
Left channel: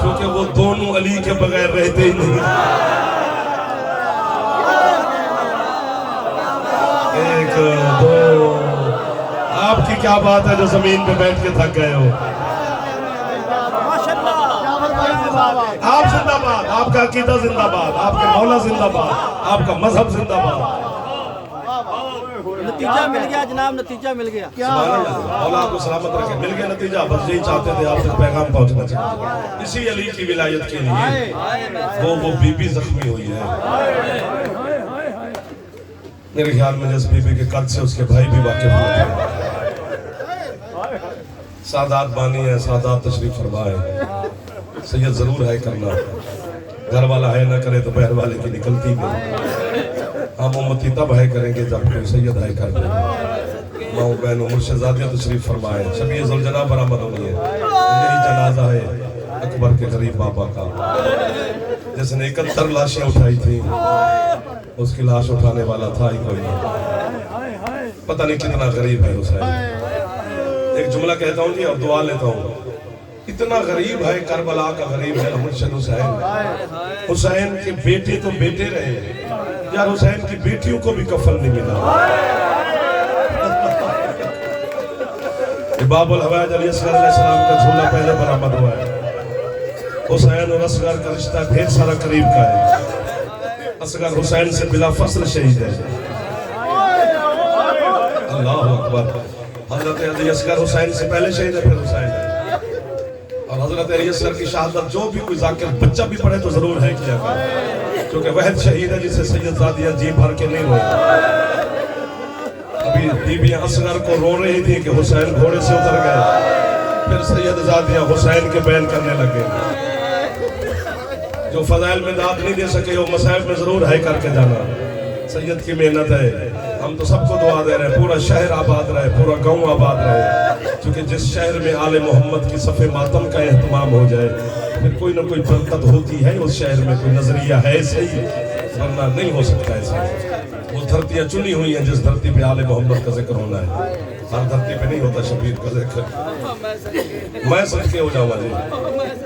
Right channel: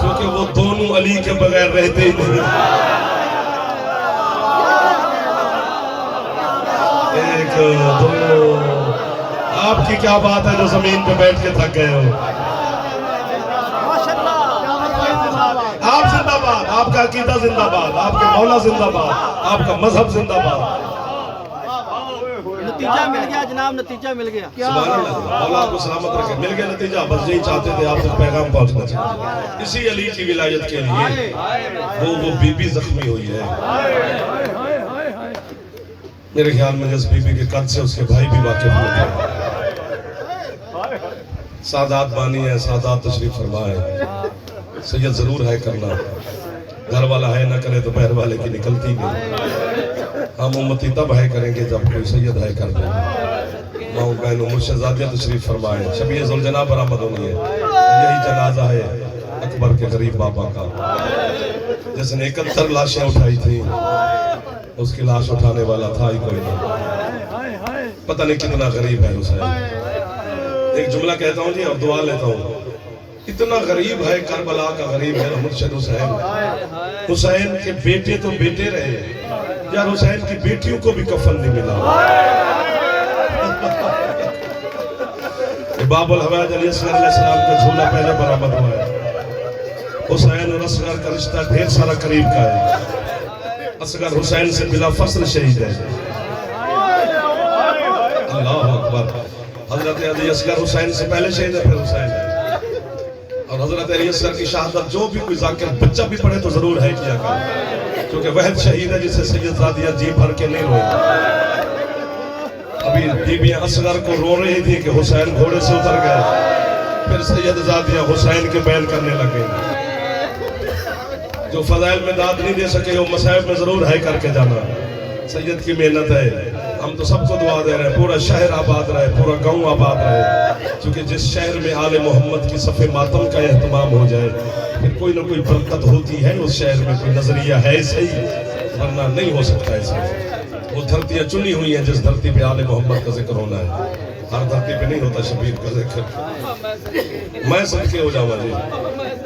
کیونکہ وہ دونوں علی کے بغیر رہتے ہی نہیں. ایک دو، آپ کی کیا بات ہے جو زمین پہ بیٹھ کے تھک گئے ہو؟ آپ زندہ باد، آپ کا عقیدہ زندہ باد، آپ کا مولا زندہ باد، آپ کا مذہب زندہ باد. نتیجہ مل گیا جناب، نتیجہ مل گیا. سبحان اللہ، مولا آپ کو سلامت رکھے. مل گیا نتیجہ، بس یہی چاہتے تھے آپ تک پیغام پہنچنا چاہتے. اسی علی کی ولایت کے لیے وہ بی بی زخمی ہوئی ہے. میرے خیال میں جس بی بی کے قد سے اس کے بھائی بھی واقف ہوتے ہیں. سادات بانی ہے، سادات تشریف فرمائے. سید ضرور ہے کرنا، گھر والا ہے نہ کرے تو بہر والے کی نکلتی نہیں. ہم امتی تب ہے کریں گے جب کوئی سید ہے کر دے. ماں بہنوں مرشدزادیاں تشریف فرمائے. شبیہ ذوالجناح برآمد ہونی ہے. یہی جنازہ ہے اکبر کے غریب بابا کا، جس نے 71 لاشیں اٹھائی تھیں. اس کی لاش اٹھانے والا تھا ہی کوئی نہیں. پتہ نہیں کتنا غریب ہے حسین. ایک جملہ کہتا ہوں جی اور دعا لیتا ہوں. اتنا غریب ہے کربلا کا غریب ہے مرشد حسین. حسین کے بیٹے تو بیٹے رہے یار، حسین کی بیٹیوں کو بھی کفن نہیں ملا. باب الحوائج علیہ السلام کا جھولا پہلے برآمد ہوا ہے. حسین اور اصغر کا رشتہ ڈھیر سارا قریب کا ہے. اصغر حسین سے بلا فصل شہید ہے. اللہ اکبر. حضرت علی اصغر حسین سے پہلے شہید ہے، پھر حسین ہے. اور حضرت علی اصغر کی شہادت جو بھی کوئی ذاکر بچہ بھی پڑھے تو ضرور ہے کیا کرے، کیونکہ وحد شہید ہے جسے سید زادیاں جی بھر کے نہیں روئے. ابھی بیویاں اصغر کو رو رہی تھی کہ حسین گھوڑے سے اتر گئے، پھر سید زادیاں حسین کے بیان کرنے لگے. جو فضائل میں داد نہیں دے سکے وہ مصائب میں ضرور ہے کر کے جانا. سید کی محنت ہے. ہم تو سب کو دعا دے رہے ہیں پورا شہر آباد رہے، پورا گاؤں آباد رہے، کیونکہ جس شہر میں آل محمد کی صف ماتم کا اہتمام ہو جائے پھر کوئی نہ کوئی برکت ہوتی ہے. اس شہر میں کوئی نظریہ ہے صحیح، ورنہ نہیں ہو سکتا ایسے. وہ دھرتیاں چنی ہوئی ہیں جس دھرتی پہ آل محمد کا ذکر ہونا ہے. ہر دھرتی پہ نہیں ہوتا شبیر کا ذکر. میں صدقے ہو جاؤں جی،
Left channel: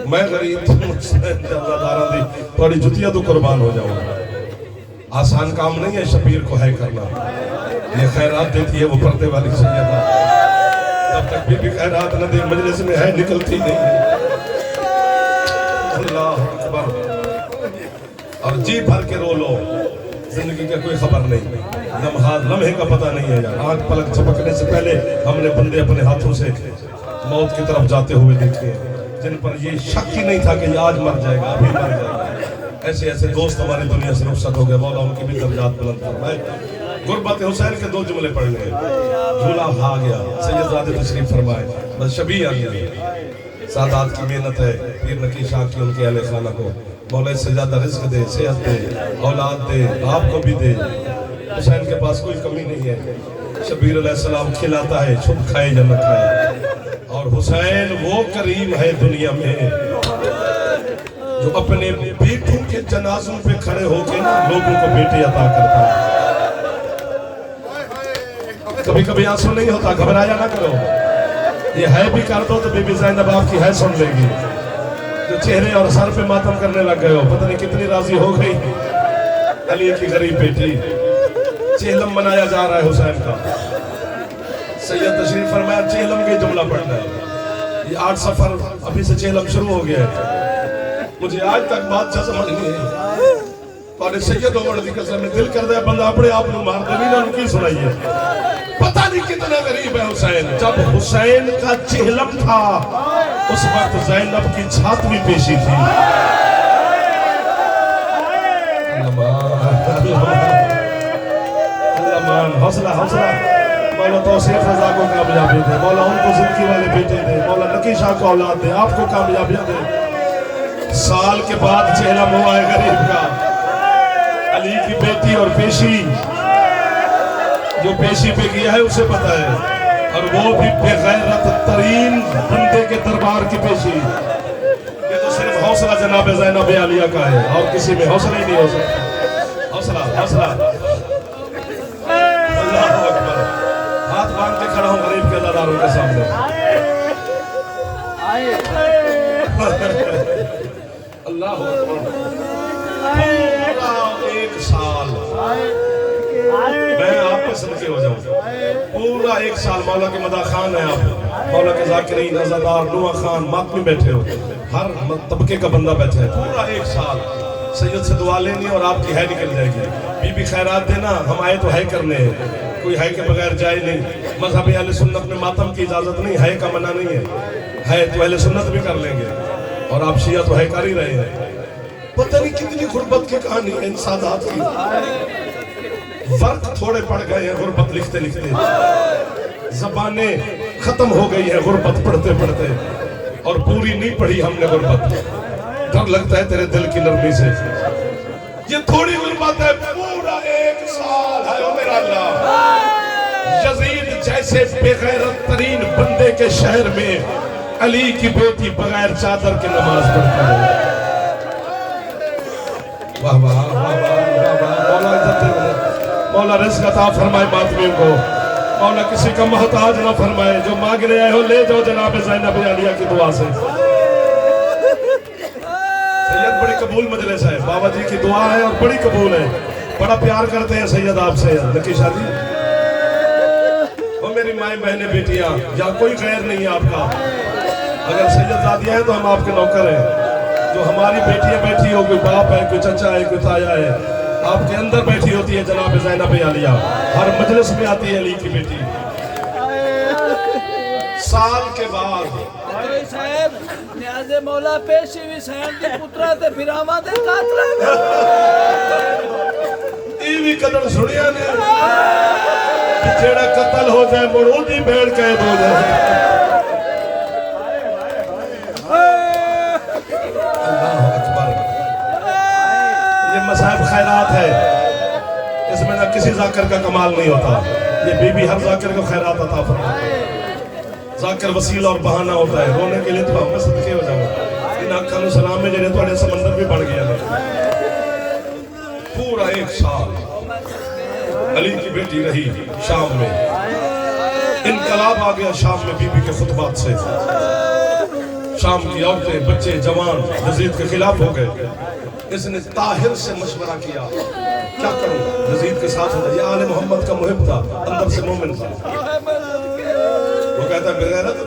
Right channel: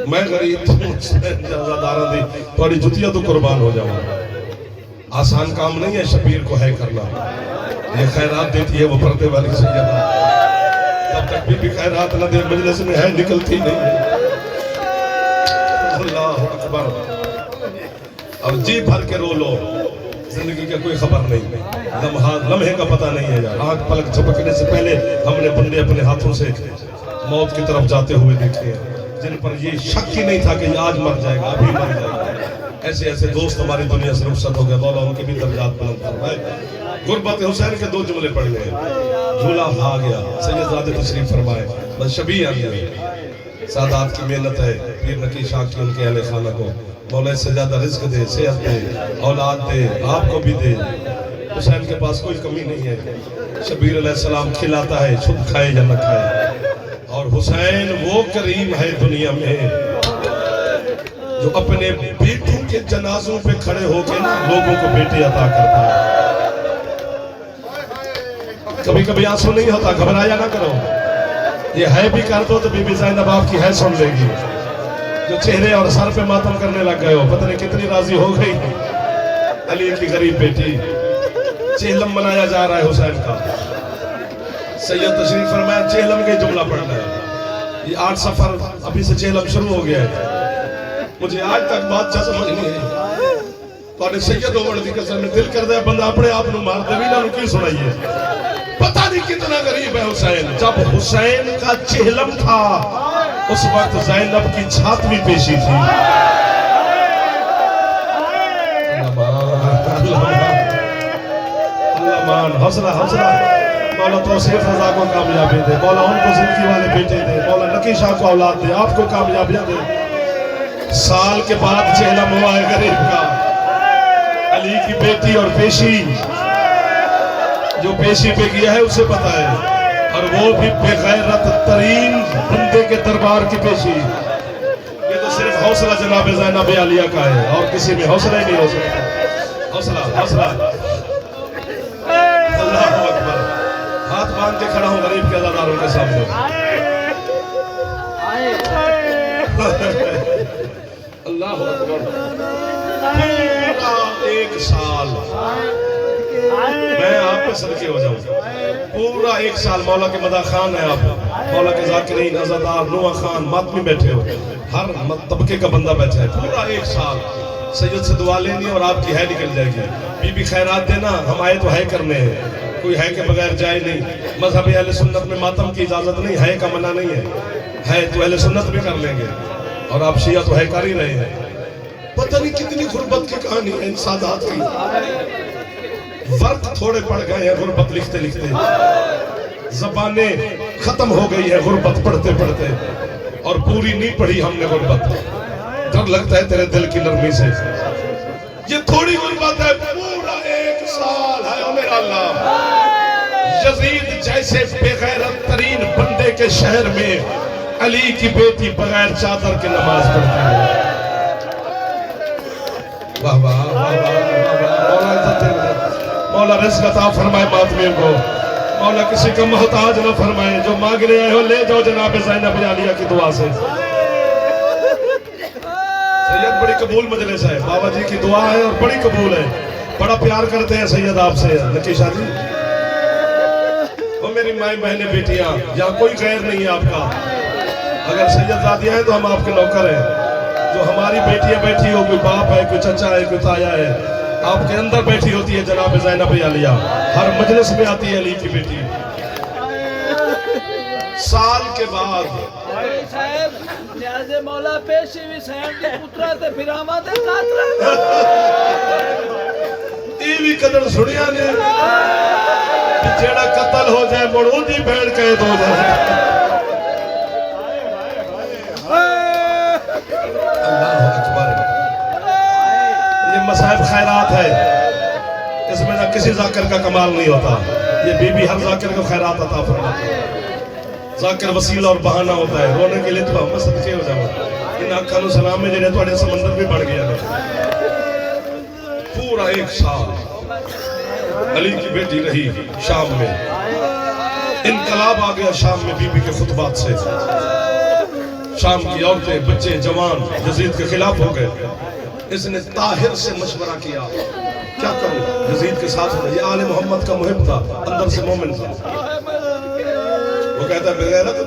میں غریب جزاداراں دی تھوڑی جتیاں تو قربان ہو جاؤں. آسان کام نہیں ہے شبیر کو ہے کرنا. یہ خیرات دیتی ہے وہ پردے والی سیدہ، جب تک بی بی خیرات نہ دے مجلس میں ہے نکلتی نہیں ہے. اللہ اکبر. اب جی بھر کے رو لو، زندگی کا کوئی خبر نہیں، لمحے کا پتہ نہیں ہے یار. آنکھ پلک چھپکنے سے پہلے ہم نے بندے اپنے ہاتھوں سے موت کی طرف جاتے ہوئے دیکھے ہیں جن پر یہ شک ہی نہیں تھا کہ یہ آج مر جائے گا، ابھی مر جائے گا. ایسے ایسے دوست ہماری دنیا سے رخصت ہو گئے. مولا ان کی بھی درجات بلند فرمائے. غربت حسین کے 2 جملے پڑھ گئے. جھولا آ گیا، سید زادے تشریف فرمائے، بس شبیہ آ گیا. سادات کی محنت ہے. پیر نقی شاہ کی ان کے اہل خانہ کو مولا اس سے زیادہ رزق دے، صحت دے، اولاد دے، آپ کو بھی دے. حسین کے پاس کوئی کمی نہیں ہے. شبیر علیہ السلام کھلاتا ہے، چھپ کھائے یا نہ کھائے. اور حسین وہ کریم ہے دنیا میں جو اپنے بیٹوں کے جنازوں پہ کھڑے ہو کے لوگوں کو بیٹے عطا کرتا ہے. کبھی کبھی آنسو نہیں ہوتا، گھبرایا نہ کرو. یہ ہے بھی کر دو تو بی بی زینب آپ کی ہے سن لے گی. جو چہرے اور سر پہ ماتم کرنے لگ گئے ہو، پتہ نہیں کتنی راضی ہو گئی. علی کی غریب بیٹی. چہلم منایا جا رہا ہے حسین کا. سید تشریف فرمایا چہلم کے جملہ پڑھنا ہے. یہ 8 سفر ابھی سے چہلم شروع ہو گیا ہے. مجھے آج تک بات سمجھ نہیں ہے. تو سید عمر دی قسم میں دل کر دے بندہ اپنے آپ نو مار دے، نہ کی سنائیے. پتہ نہیں کتنا غریب ہے حسین. جب حسین کا چہلم تھا اس وقت زینب کی چھاتویں پیشی تھی. اللہ مان. حوصلہ حوصلہ. مولا توصیف رضا کو کامیابی دے، مولا ان کو زندگی والے بیٹے دے، مولا نقی شاہ کو اولاد دے، آپ کو کامیابیاں دے. سال کے بعد چہلم ہوا ہے غریب کا. علی کی بیٹی اور پیشی जो पेशी पे किया है उसे पता है, और वो भी बेगैरत तरीन बंदे के दरबार की पेशी। ये तो सिर्फ हौसला जनाब ज़ैनब आलिया का है, और किसी में हौसला ही नहीं हो सकता। हौसला हौसला। अल्लाह अकबर। हाथ बांध के खड़ा हूँ गरीब के अल्लाहदारों के सामने। अल्लाह अकबर। पूरा एक साल मैं आप पे सदके हो जाऊं। पूरा एक साल मौला के मदा खान है आप, मौला के जाकिरीन, अज़ादार, नुआ खान, मातमी बैठे हो, हर तबके का बंदा बैठा है। पूरा एक साल सैयद से दुआ लेनी और आपकी है निकल जाएगी। बीबी खैरात देना, हम आए तो है करने हैं, कोई है के बगैर जाए नहीं। मज़हब अहले सुन्नत में मातम की इजाजत नहीं है, का मना नहीं है तो अहले सुन्नत भी कर लेंगे, और आप शिया तो है कर ही रहे हैं। पता नहीं कितनी गुर्बत की कहानी है इन सादात की। वर्क थोड़े पड़ गए हैं गुर्बत लिखते लिखते, ज़बानें खत्म हो गई है गुर्बत पढ़ते पढ़ते, और पूरी नहीं पढ़ी हमने गुर्बत। डर लगता है तेरे दिल की नरमी से। ये थोड़ी गुर्बत है, पूरा एक साल है ओ मेरा अल्लाह। यजीद जैसे बेगैरत तरीन बंदे के शहर में अली की बेटी बगैर चादर की नमाज पढ़ती है। वाह वाह वाह वाह वाह। मौला रिज़्क़ अता फरमाए मातमियों को, मौला किसी का मोहताज न फरमाए। जो मांगने आए हो ले जाओ जनाब ज़ैनब आलिया की दुआ से। सैयद बड़ी कबूल मजलिस है, बाबा जी की दुआ है और बड़ी कबूल है। बड़ा प्यार करते हैं सैयद आपसे नकीशा जी। वो मेरी माएँ बहनें बेटियां, यहाँ कोई गैर नहीं है आपका। अगर सैयद ज़ादिया है तो हम आपके नौकर हैं। जो हमारी बेटियां बैठी हो, कोई बाप है, कोई चचा है, कोई ताया है, आपके अंदर बैठी होती है जनाब ज़ैनब आलिया। हर मजलिस में आती है अली की बेटी। साल के बाद साहब न्याज़े मौला पेशी भी सहन के पुत्रा ते फिरावा दे कातला भी कदर सुनिया ने जेड़ा कत्ल हो जाए मुड़ दी भेड़ कैद हो जाए। अल्लाह अकबर। ये मसाइब खैरात है, इसमें ना किसी जाकिर का कमाल नहीं होता। ये बीबी हर जाकिर को खैरात अता फरमाती है। जाकिर वसीला और बहाना होता है, रोने के लिए तो हम सदके हो जाओ। इन आँखों को सलाम में जेड़े थोड़े समंदर भी बढ़ गया। पूरा एक साल अली की बेटी रही शाम में। इनकलाब आ गया शाम में बीबी के खुतबात से। शाम की औरतें, बच्चे, जवान यजीद के खिलाफ हो गए। इसने ताहिर से मशवरा किया, क्या करूं? यजीद के साथ होना। ये आले मोहम्मद का मुहिब था, अंदर से मोमिन था। वो कहता बेगैरत,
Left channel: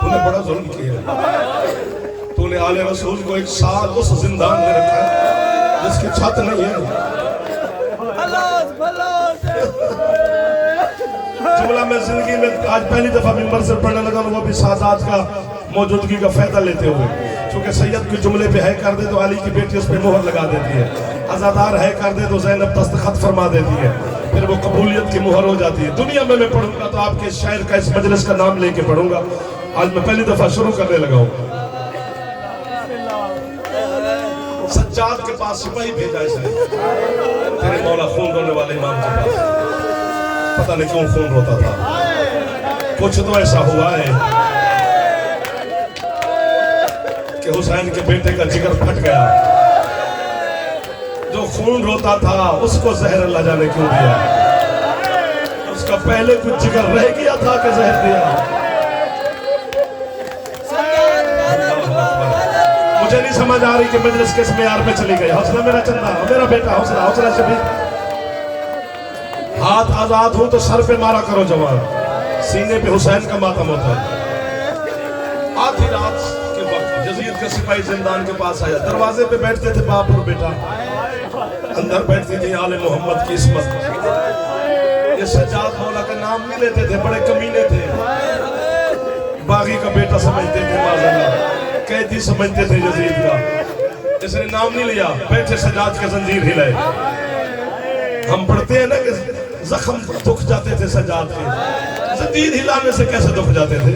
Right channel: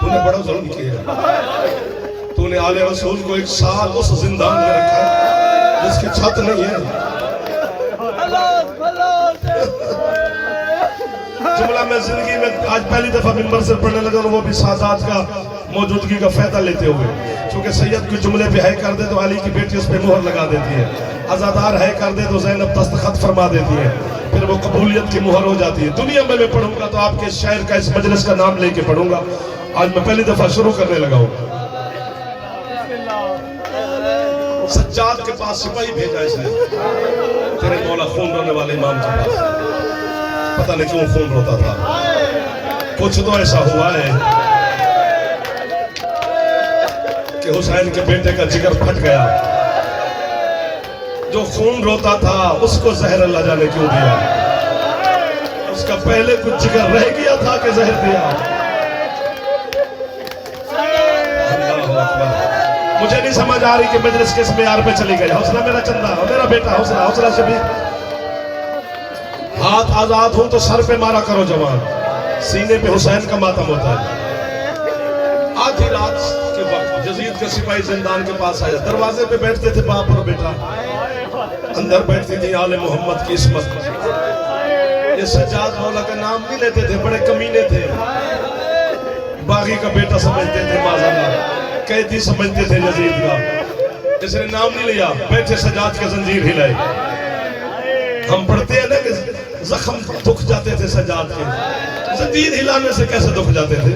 तूने बड़ा जुल्म किया। तूने आले रसूल को एक साल उस जिंदान में रखा जिसकी छत नहीं है। जुमला में जिंदगी में आज पहली दफा मिंबर से पढ़ने लगा, वो भी सादात का मौजूदगी का फायदा लेते हुए। क्योंकि सैयद कोई जुमले पे है कर दे तो अली की बेटी उस पे मोहर लगा देती है। अज़ादार है कर दे तो ज़ैनब दस्तखत फरमा देती है, फिर वो कबूलियत की मुहर हो जाती है। दुनिया में मैं पढ़ूंगा तो आपके शायर का इस मजलिस का नाम लेके पढ़ूंगा। आज मैं पहली दफा शुरू करने लगा हूँ। सज्जाद के पास सिपाही भेजा इसने, तेरे मौला खून रोने वाले इमाम के पास। पता नहीं क्यों खून रोता था, कुछ तो ऐसा हुआ है कि हुसैन के बेटे का जिगर फट गया। जो खून रोता था उसको जहर अल्लाह जाने क्यों दिया। उसका पहले कुछ जिगर रह गया था कि जहर दिया। मुझे नहीं समझ आ रही कि मजलिस किस मेयार पे चली गई। हौसला मेरा चंदा, मेरा बेटा, हौसला हौसला शबी। हाथ आजाद हो तो सर पे मारा करो जवान, सीने पे हुसैन का मातम होता है। आधी रात के वक्त यजीद का सिपाही जिंदान के पास आया। दरवाजे पे बैठते थे बाप और बेटा, अंदर बैठती थी आले मोहम्मद की इस्मत। ये सज्जाद मौला का नाम नहीं लेते थे, बड़े कमीने थे। बागी का बेटा समझते थे, माज़अल्लाह कैदी समझते थे यजीद का। इसने नाम नहीं लिया, बैठे सज्जाद के जंजीर हिलाए। हम पढ़ते हैं ना कि जख्म दुख जाते थे सज्जाद के, जंजीर हिलाने से कैसे दुख जाते थे?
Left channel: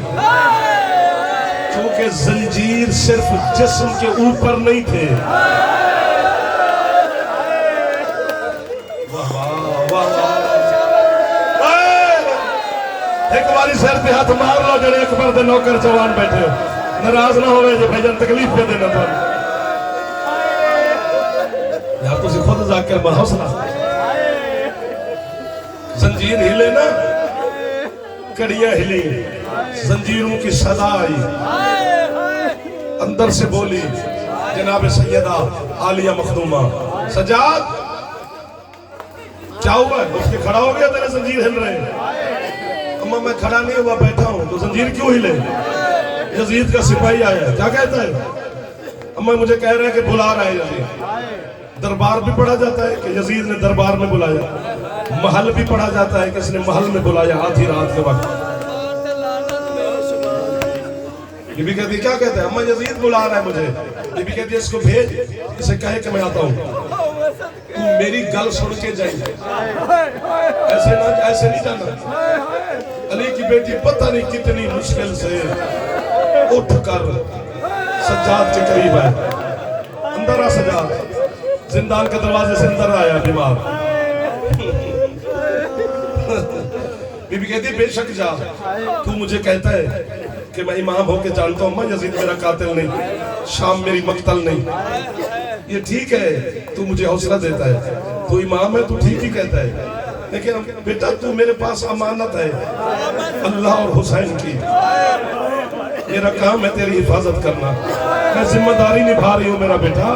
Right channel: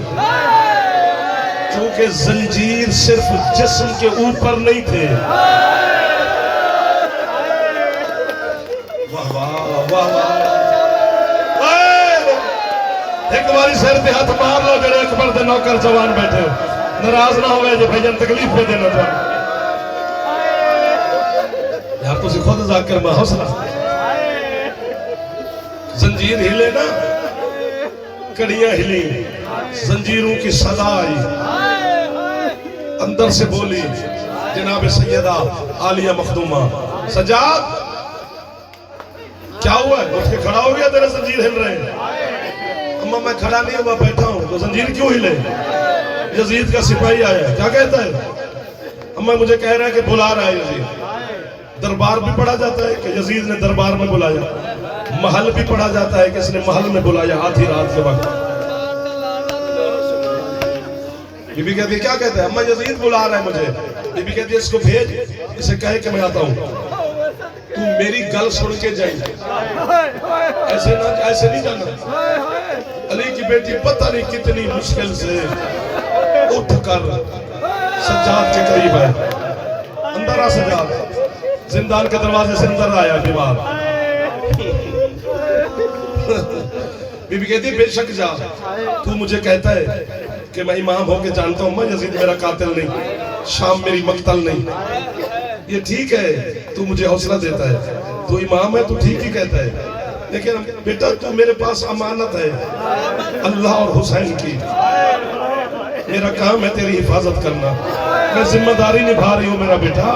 क्योंकि जंजीर सिर्फ जिस्म के ऊपर नहीं थे। वाह वाह वाह वाह। वाली सिर पे हाथ मार लो जड़े अकबर दे नौकर जवान बैठे नाराज ना होवे जे भाईजान तकलीफ पे देना तो यार तुसी खुद जाकर में हौसला जंजीर हिले ना कड़ियां हिली जंजीरों की सदा आई अंदर से बोली जनाब सैयदा आलिया मखदूमा सजाद क्या हुआ है उठ के खड़ा हो गया तेरे जंजीर हिल रहे हैं अम्मा मैं खड़ा नहीं हुआ बैठा हूं तो जंजीर क्यों हिले यजीद का सिपाही आया क्या कहता है अम्मा मुझे कह रहा है कि बुला रहा है यजीद दरबार भी पढ़ा जाता है कि यजीद ने दरबार में बुलाया महल भी पढ़ा जाता है कि इसने महल में बुलाया आधी रात के वक्त बीबी कहती क्या कहते हैं अम्मा यजीद बुला रहा है मुझे बीबी कहती है इसको भेज इसे कहे कि मैं आता हूं तू मेरी गल सुन के जाए ऐसे नहीं जाना अली की बेटी पता नहीं कितनी मुश्किल से उठ कर सज्जाद के करीब है अंदर आ सज्जाद जिंदान के दरवाजे से अंदर आया बीमार बीबी कहती है बेशक जा तू मुझे कहता है कि मैं इमाम होके जानता हूं मैं यजीद मेरा कातिल नहीं शाम मेरी मक्तल नहीं ये ठीक है तू मुझे हौसला देता है तू इमाम है तू ठीक ही कहता है लेकिन बेटा तू मेरे पास अमानत है अल्लाह और हुसैन की मेरा काम है तेरी हिफाजत करना मैं जिम्मेदारी निभा रही हूँ मेरा बेटा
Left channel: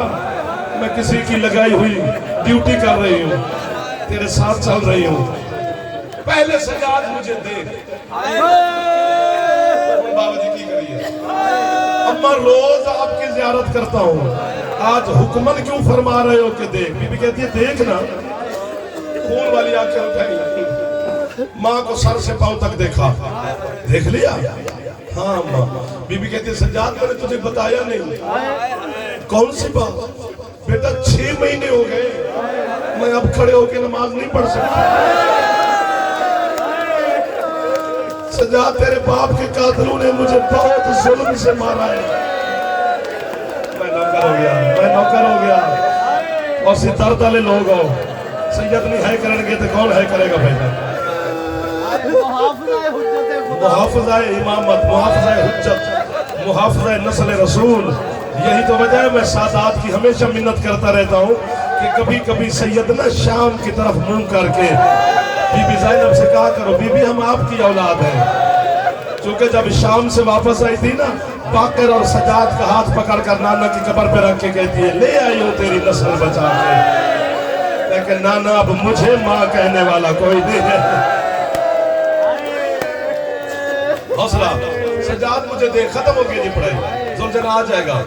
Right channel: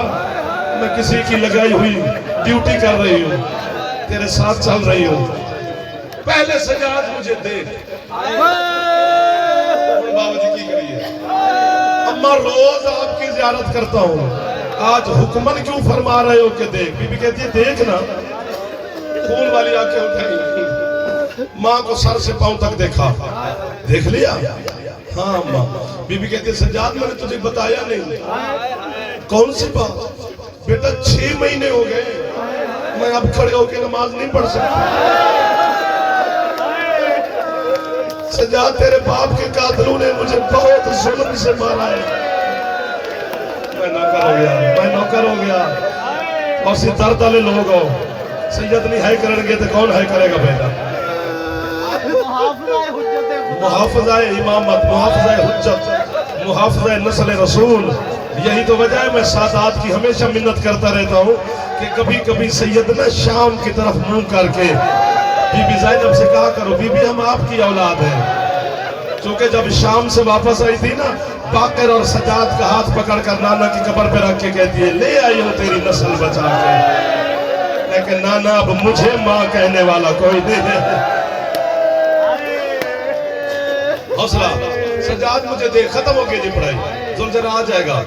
मैं किसी की लगाई हुई ड्यूटी कर रही हूँ तेरे साथ चल रही हूँ पहले सजाद मुझे दे बाबा जी की करिए अम्मा रोज आपकी ज़ियारत करता हूँ आज हुक्मन क्यों फरमा रहे हो कि देख बीबी कहती है देख ना खून वाली आंखें उठाई माँ को सर से पांव तक देखा देख लिया हाँ माँ बीबी कहती है सज्जाद मैंने तुझे बताया नहीं कौन सी बात बेटा 6 महीने हो गए मैं अब खड़े होकर नमाज नहीं पढ़ सकता सज्जाद तेरे बाप के कातिलों ने मुझे बहुत जुल्म से मारा है मैं नौकर हो गया और सी दर्द वाले लोग हो सैयद नहीं है करेंगे तो कौन है करेगा बेटा मुहाफ़िज़ाए इमामत मुहाफ़िज़ाए हुज्जत मुहाफ़िज़ाए नस्ल रसूल यही तो वजह है मैं सादात की हमेशा मिन्नत करता रहता हूँ कि कभी कभी सैयद ना शाम की तरफ मुंह करके बीबी ज़ैनब से कहा करो बीबी हम आपकी औलाद हैं क्योंकि जब शाम से वापस आई थी ना बाकर और सजाद का हाथ पकड़ कर नाना की कब्र पे रख के कहती है ले आई हो तेरी नस्ल बचा के लेकिन नाना अब मुझे माँ कहने वाला कोई नहीं है हौसला सजाद मुझे दे खत्म हो गई जी पढ़ाई जुलझना आ जाएगा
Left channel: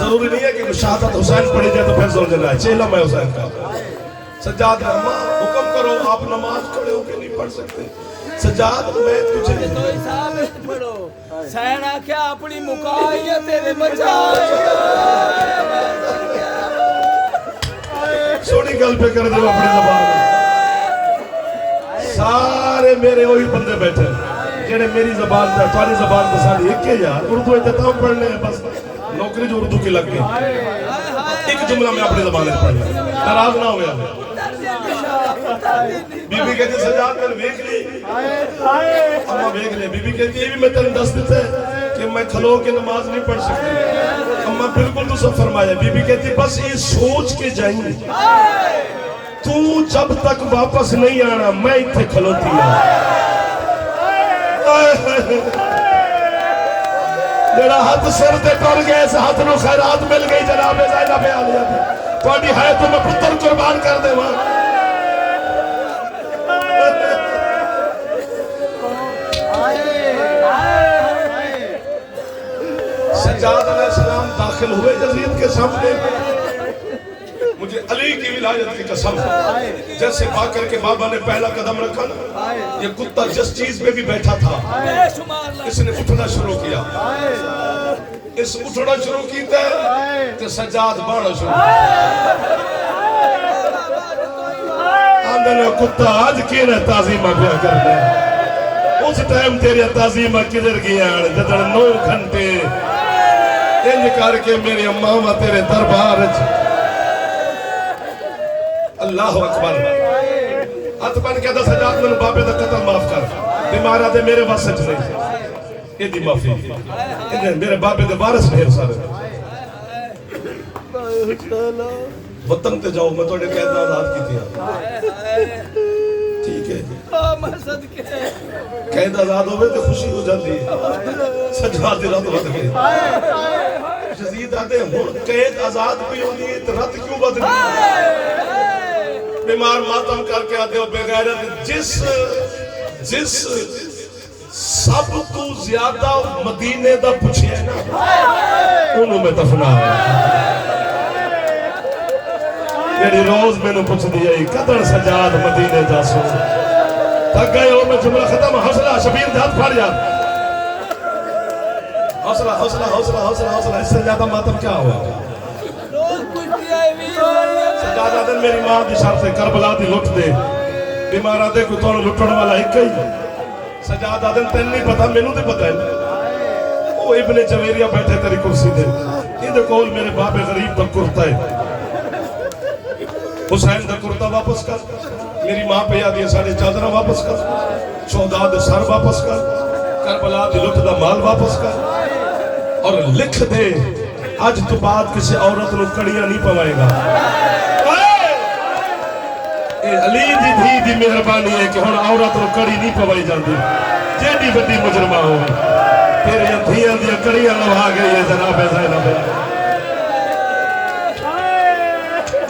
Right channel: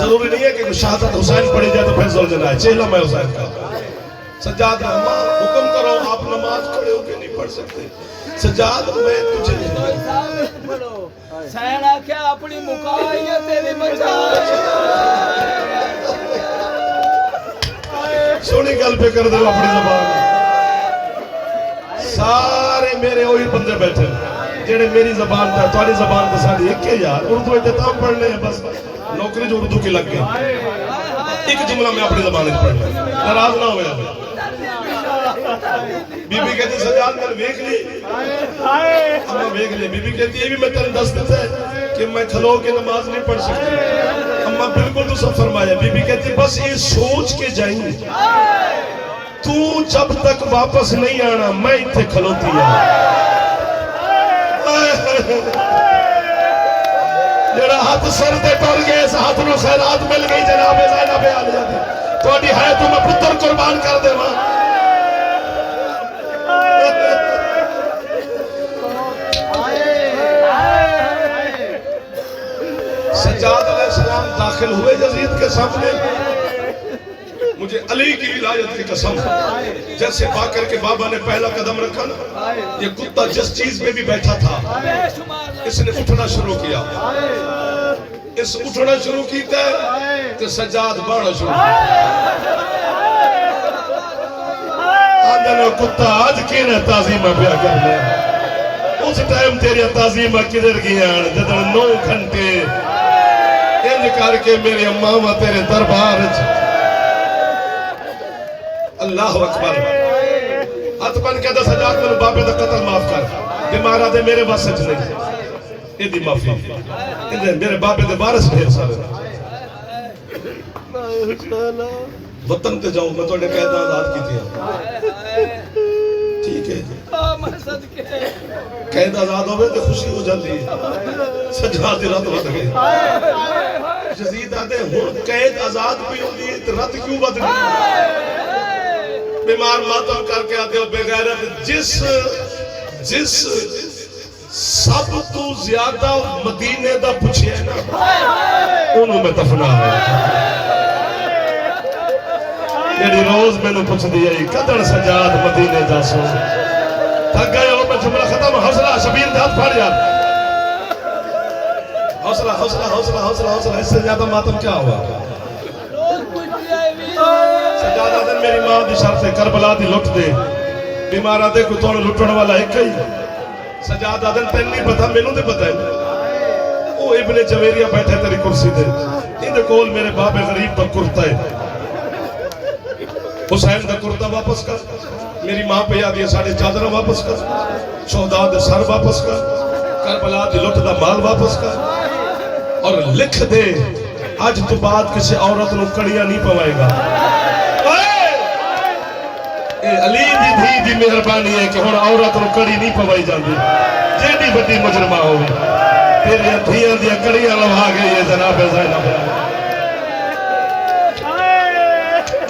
जरूरी नहीं है कि शहादत हुसैन पढ़ी जाए तो फिर जुलझना है चेला मैं हुसैन का सजाद हुक्म करो आप नमाज खड़े होके नहीं पढ़ सकते सजाद मैं तुझे सैना क्या अपनी मुकाया तेरे बचा सोनी गल पे कर दो अपनी ज़बान सारे मेरे वही बंदे बैठे जेड़े मेरी ज़बान था तुम्हारी ज़बान तो सारी एक ही यार उर्दू इतना पढ़ने हैं बस नौकरी जो उर्दू की लग गई एक जुमला में अपनी ज़बान में पढ़ना नाराज ना हो यार बीबी कहती सजाद मैंने देख ली अम्मा देख ली बीबी कहती है भी मैं तेरे दस देता है कि मैं खलो के नमाज नहीं पढ़ सकती अम्मा बिल्कुल तो सब फरमाया बीबी कहती बस ये सोच के जाएंगे तू जब तक वापस नहीं आना मैं इतने खलोती है जेड़ा हाथ सिर ते टल गए इस हाथ नु खैरात मिल गई जनाब ज़ैनब आलिया दी ਤੁਹਾਡੀ है तो मैं पुत्र कुर्बान कर देवां सज्जाद अलैहिस्सलाम दाखिल हुए यजीद के सामने मुझे अली की विलायत की कसम जैसे बाकर के बाबा ने पहला कदम रखा ना ये कुत्ता जिस चीज पे भी बैठा था इसने उठना शुरू किया इस उठना शुरू किया तो सज्जाद बाढ़ शुरू आंदन कुत्ता आज केने ताजीमा पे कर दे उस टाइम तेरी ताजीमा किधर गया जब 9 घंटे इंज करके मेरी अम्मा तेरे दरबार अल्लाह अकबर हथ बन के दस सज्जाद मेरे बाबे का कत्ल माफ कर بیمارا دے میرے واسط نہیں یہ دی معافی میرے بابے دے وارث ڈھیر سارے وطن تے جاؤ میں توڑے قید آزاد کی تھی ٹھیک ہے قید آزاد ہوئے تو خوشی ہو جاتی ہے سجاد دی رات بد گئی جزید آتے ہوں قید آزاد بھی ہوتی ہے تو رات کیوں بد گئی بیمار ماتم کر کے آتے ہو بے غیرت جس سب تو زیادہ مدینے دا پوچھے ہے نا انہوں میں دفنا ہے یعنی روز میں نے پوچھ دیا قدر سجاد مدینے جاسو تک گئے اور میں جملہ ختم حوصلہ شبیر دھات پھاڑ جا حوصلہ حوصلہ حوصلہ حوصلہ حوصلہ اس سے زیادہ ماتم کیا ہوا سجاد آدن میری ماں دی شرط سے کربلا دی لٹ دے بیمار آدھے کوئی توڑ لٹنے والا ایک ہی سجاد آدن تین نہیں پتا میں نو دے پتا ہے وہ ابن جویریہ بیٹھے تیری کرسی دے یہ کول میرے باب غریب دا کرتا ہے حسین دا کرتا واپس کر میری ماں پہ یاد یہ ساڑھے چادرہ واپس کر شہداء دے سر واپس کر کربلا دی لٹ دا مال واپس کر اور لکھ دے آج تو بعد کسی عورت نو کڑیاں نہیں پوائے گا علی دی دھی دی مہربانی ہے کہ ہن عورت نو کڑی نہیں پوائی جاندی جیڑی بڑی مجرمہ ہوگی تیرے دھیاں دی کڑیاں لوا گئی ہے جناب زینب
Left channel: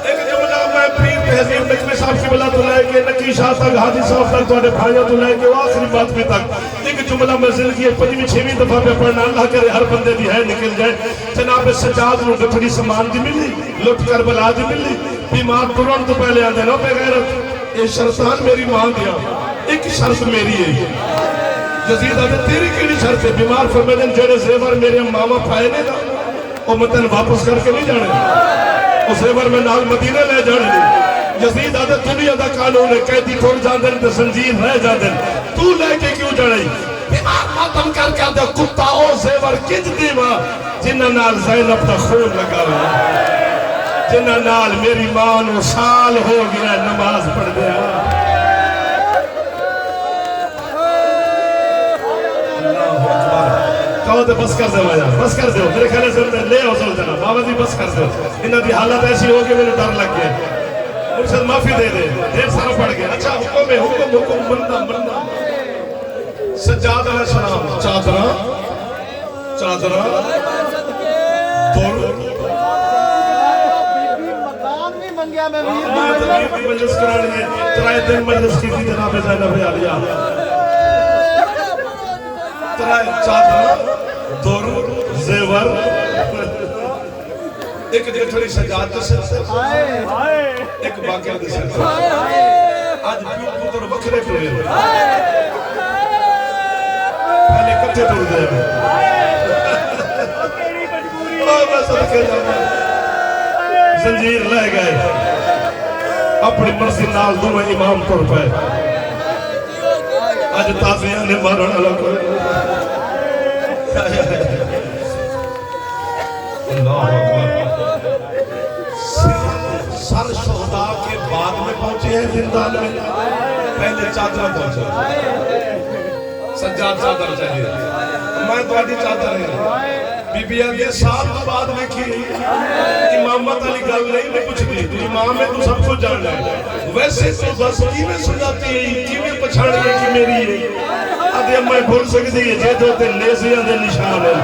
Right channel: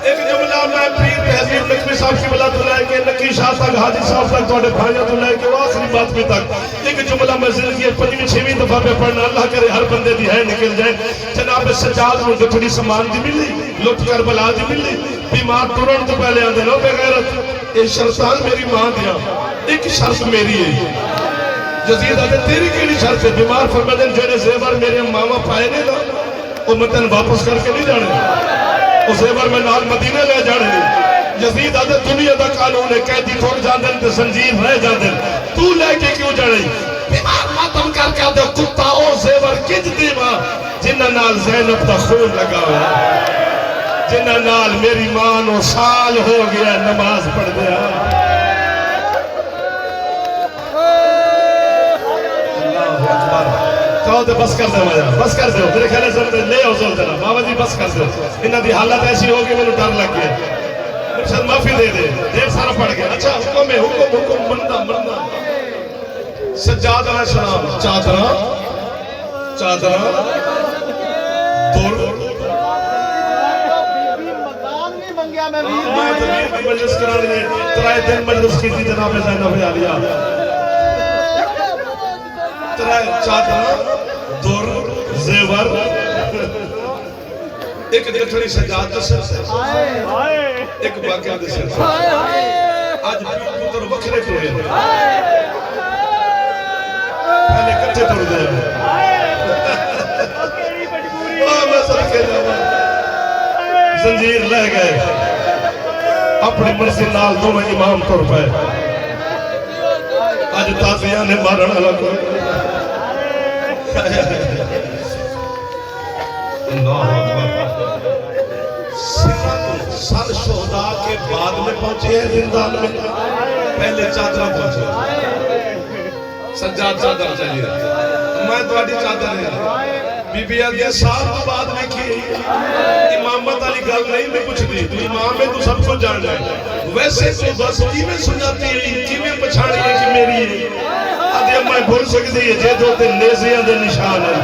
ایک جملہ میں پیر تہذیب نقوی صاحب کی بلا تو لے کے نقی شاہ تک حاجی صاحب تک توڑے بھائیوں تو لے کے آخری بات بھی تک ایک جملہ میں زندگی 5ویں دفعہ میں پڑھنا اللہ کرے ہر بندے دی ہے نکل جائے جناب سجاد نو گٹھڑی سامان دی ملی لٹ کربلا دی ملی بیمار ترن تو پہلے آدھے نو بے غیرت یہ شرطان میری ماں دیا ایک شرط میری ہے جزید آدھے تیری کیڑی شرط ہے بیمار فرمیدن جوڑے زیور میرے ماما پائے نہیں تھا وہ متن واپس کر کے نہیں جانے اس زیور میں نال مدینہ لے جانے نہیں جزید آدھے دنیا دا قانون ہے قیدی تھوڑ جاندن تو سنجیب رہ جاندن تو لے کے کیوں جانے بیمار ماتم کر کے آدھے کتا او زیور کج دیما جنہ نال زینب دا خون لگا ہوا جنہ نال میری ماں نو سال ہو گیا نماز پڑھ دیا اللہ اکبر کہو دے بس کر دے مایا بس کر دے تیرے خیلے سے لے ہو سل جنا بابا جی بس کر دے انہاں دی حالت ایسی ہو کہ میں ڈر لگ گیا مرشد معافی دے دے دیر سارا پڑھ گیا اچھا حکم ہے حکم بندہ سجاد علیہ السلام چادرہ دور مجلس کرانے ہیں ترائے دن مجلس کی تھی جناب زینب عالیہ ترائے چادرہ دور زیور ایک گٹھڑی سجاد دے سر سے ایک باقیہ دے سر سے آج پتر وکھرے کروئے پہلے کٹھے توڑ دے میں سب کے جاؤں زنجیر رہ گئے اپنی مرضی نال دو میں امام توڑ پائے آج تازیاں نے مارنا لگو سر شہداء کے بعد میں پہنچے ہیں زندان میں پہلے چادر پہنچے سجاد چادر چاہیے میں تواڈی چادر ہے بی بی آگیا سال تو بعد میں کی امامت علی گل نہیں میں کچھ نہیں تو امام ہے تو سب کو جان جائے ویسے تو بس کیویں سنجاتی ہے کیویں پچھاڑی ہے کہ میری آدھے میں بھول سکتی ہے جے دو تے نیزیاں دے نشان ہے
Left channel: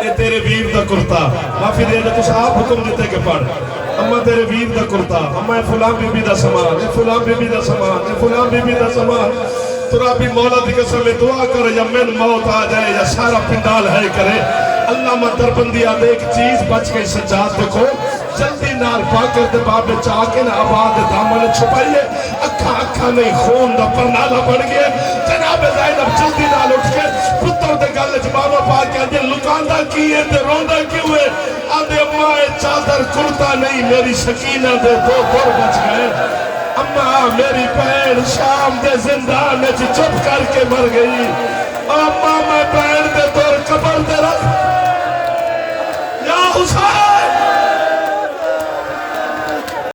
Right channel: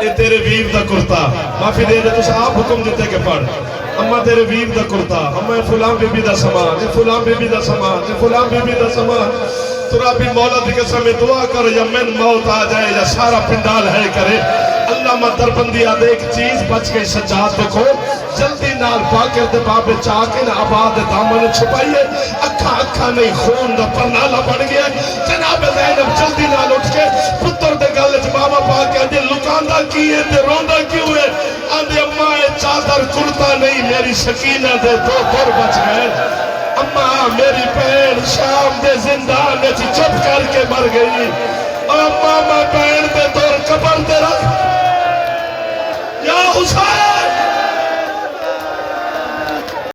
اے تیرے ویر دا کرتا معافی دے دے تو صاحب حکم دیتے کہ پڑھ اما تیرے ویر دا کرتا اما فلان بی بی دا سامان فلان بی بی دا سامان فلان بی بی دا سامان ترا بھی مولا دی قسم دعا کر یا من موت آ جائے یا سارا پنڈال ہے کرے اللہ مدر بندی آدھے ایک چیز بچ گئی سجاد دیکھو جلدی نال پاکر دے بابے چاکے نہ آباد دامن چھپائیے اکھا نہیں خون دا پرنالا بن گیا جناب زینب جلدی نال اٹھ کے پتر دے گالے جبابا پاکے آدھے لکاندہ کی ہے دے روندہ کیوں ہے آدھے اماں چادر کرتا نہیں میری سکینہ دے دو دور بچ گئے اماں میری بہن شام دے زندان میں چپ کر کے مر گئی اماں میں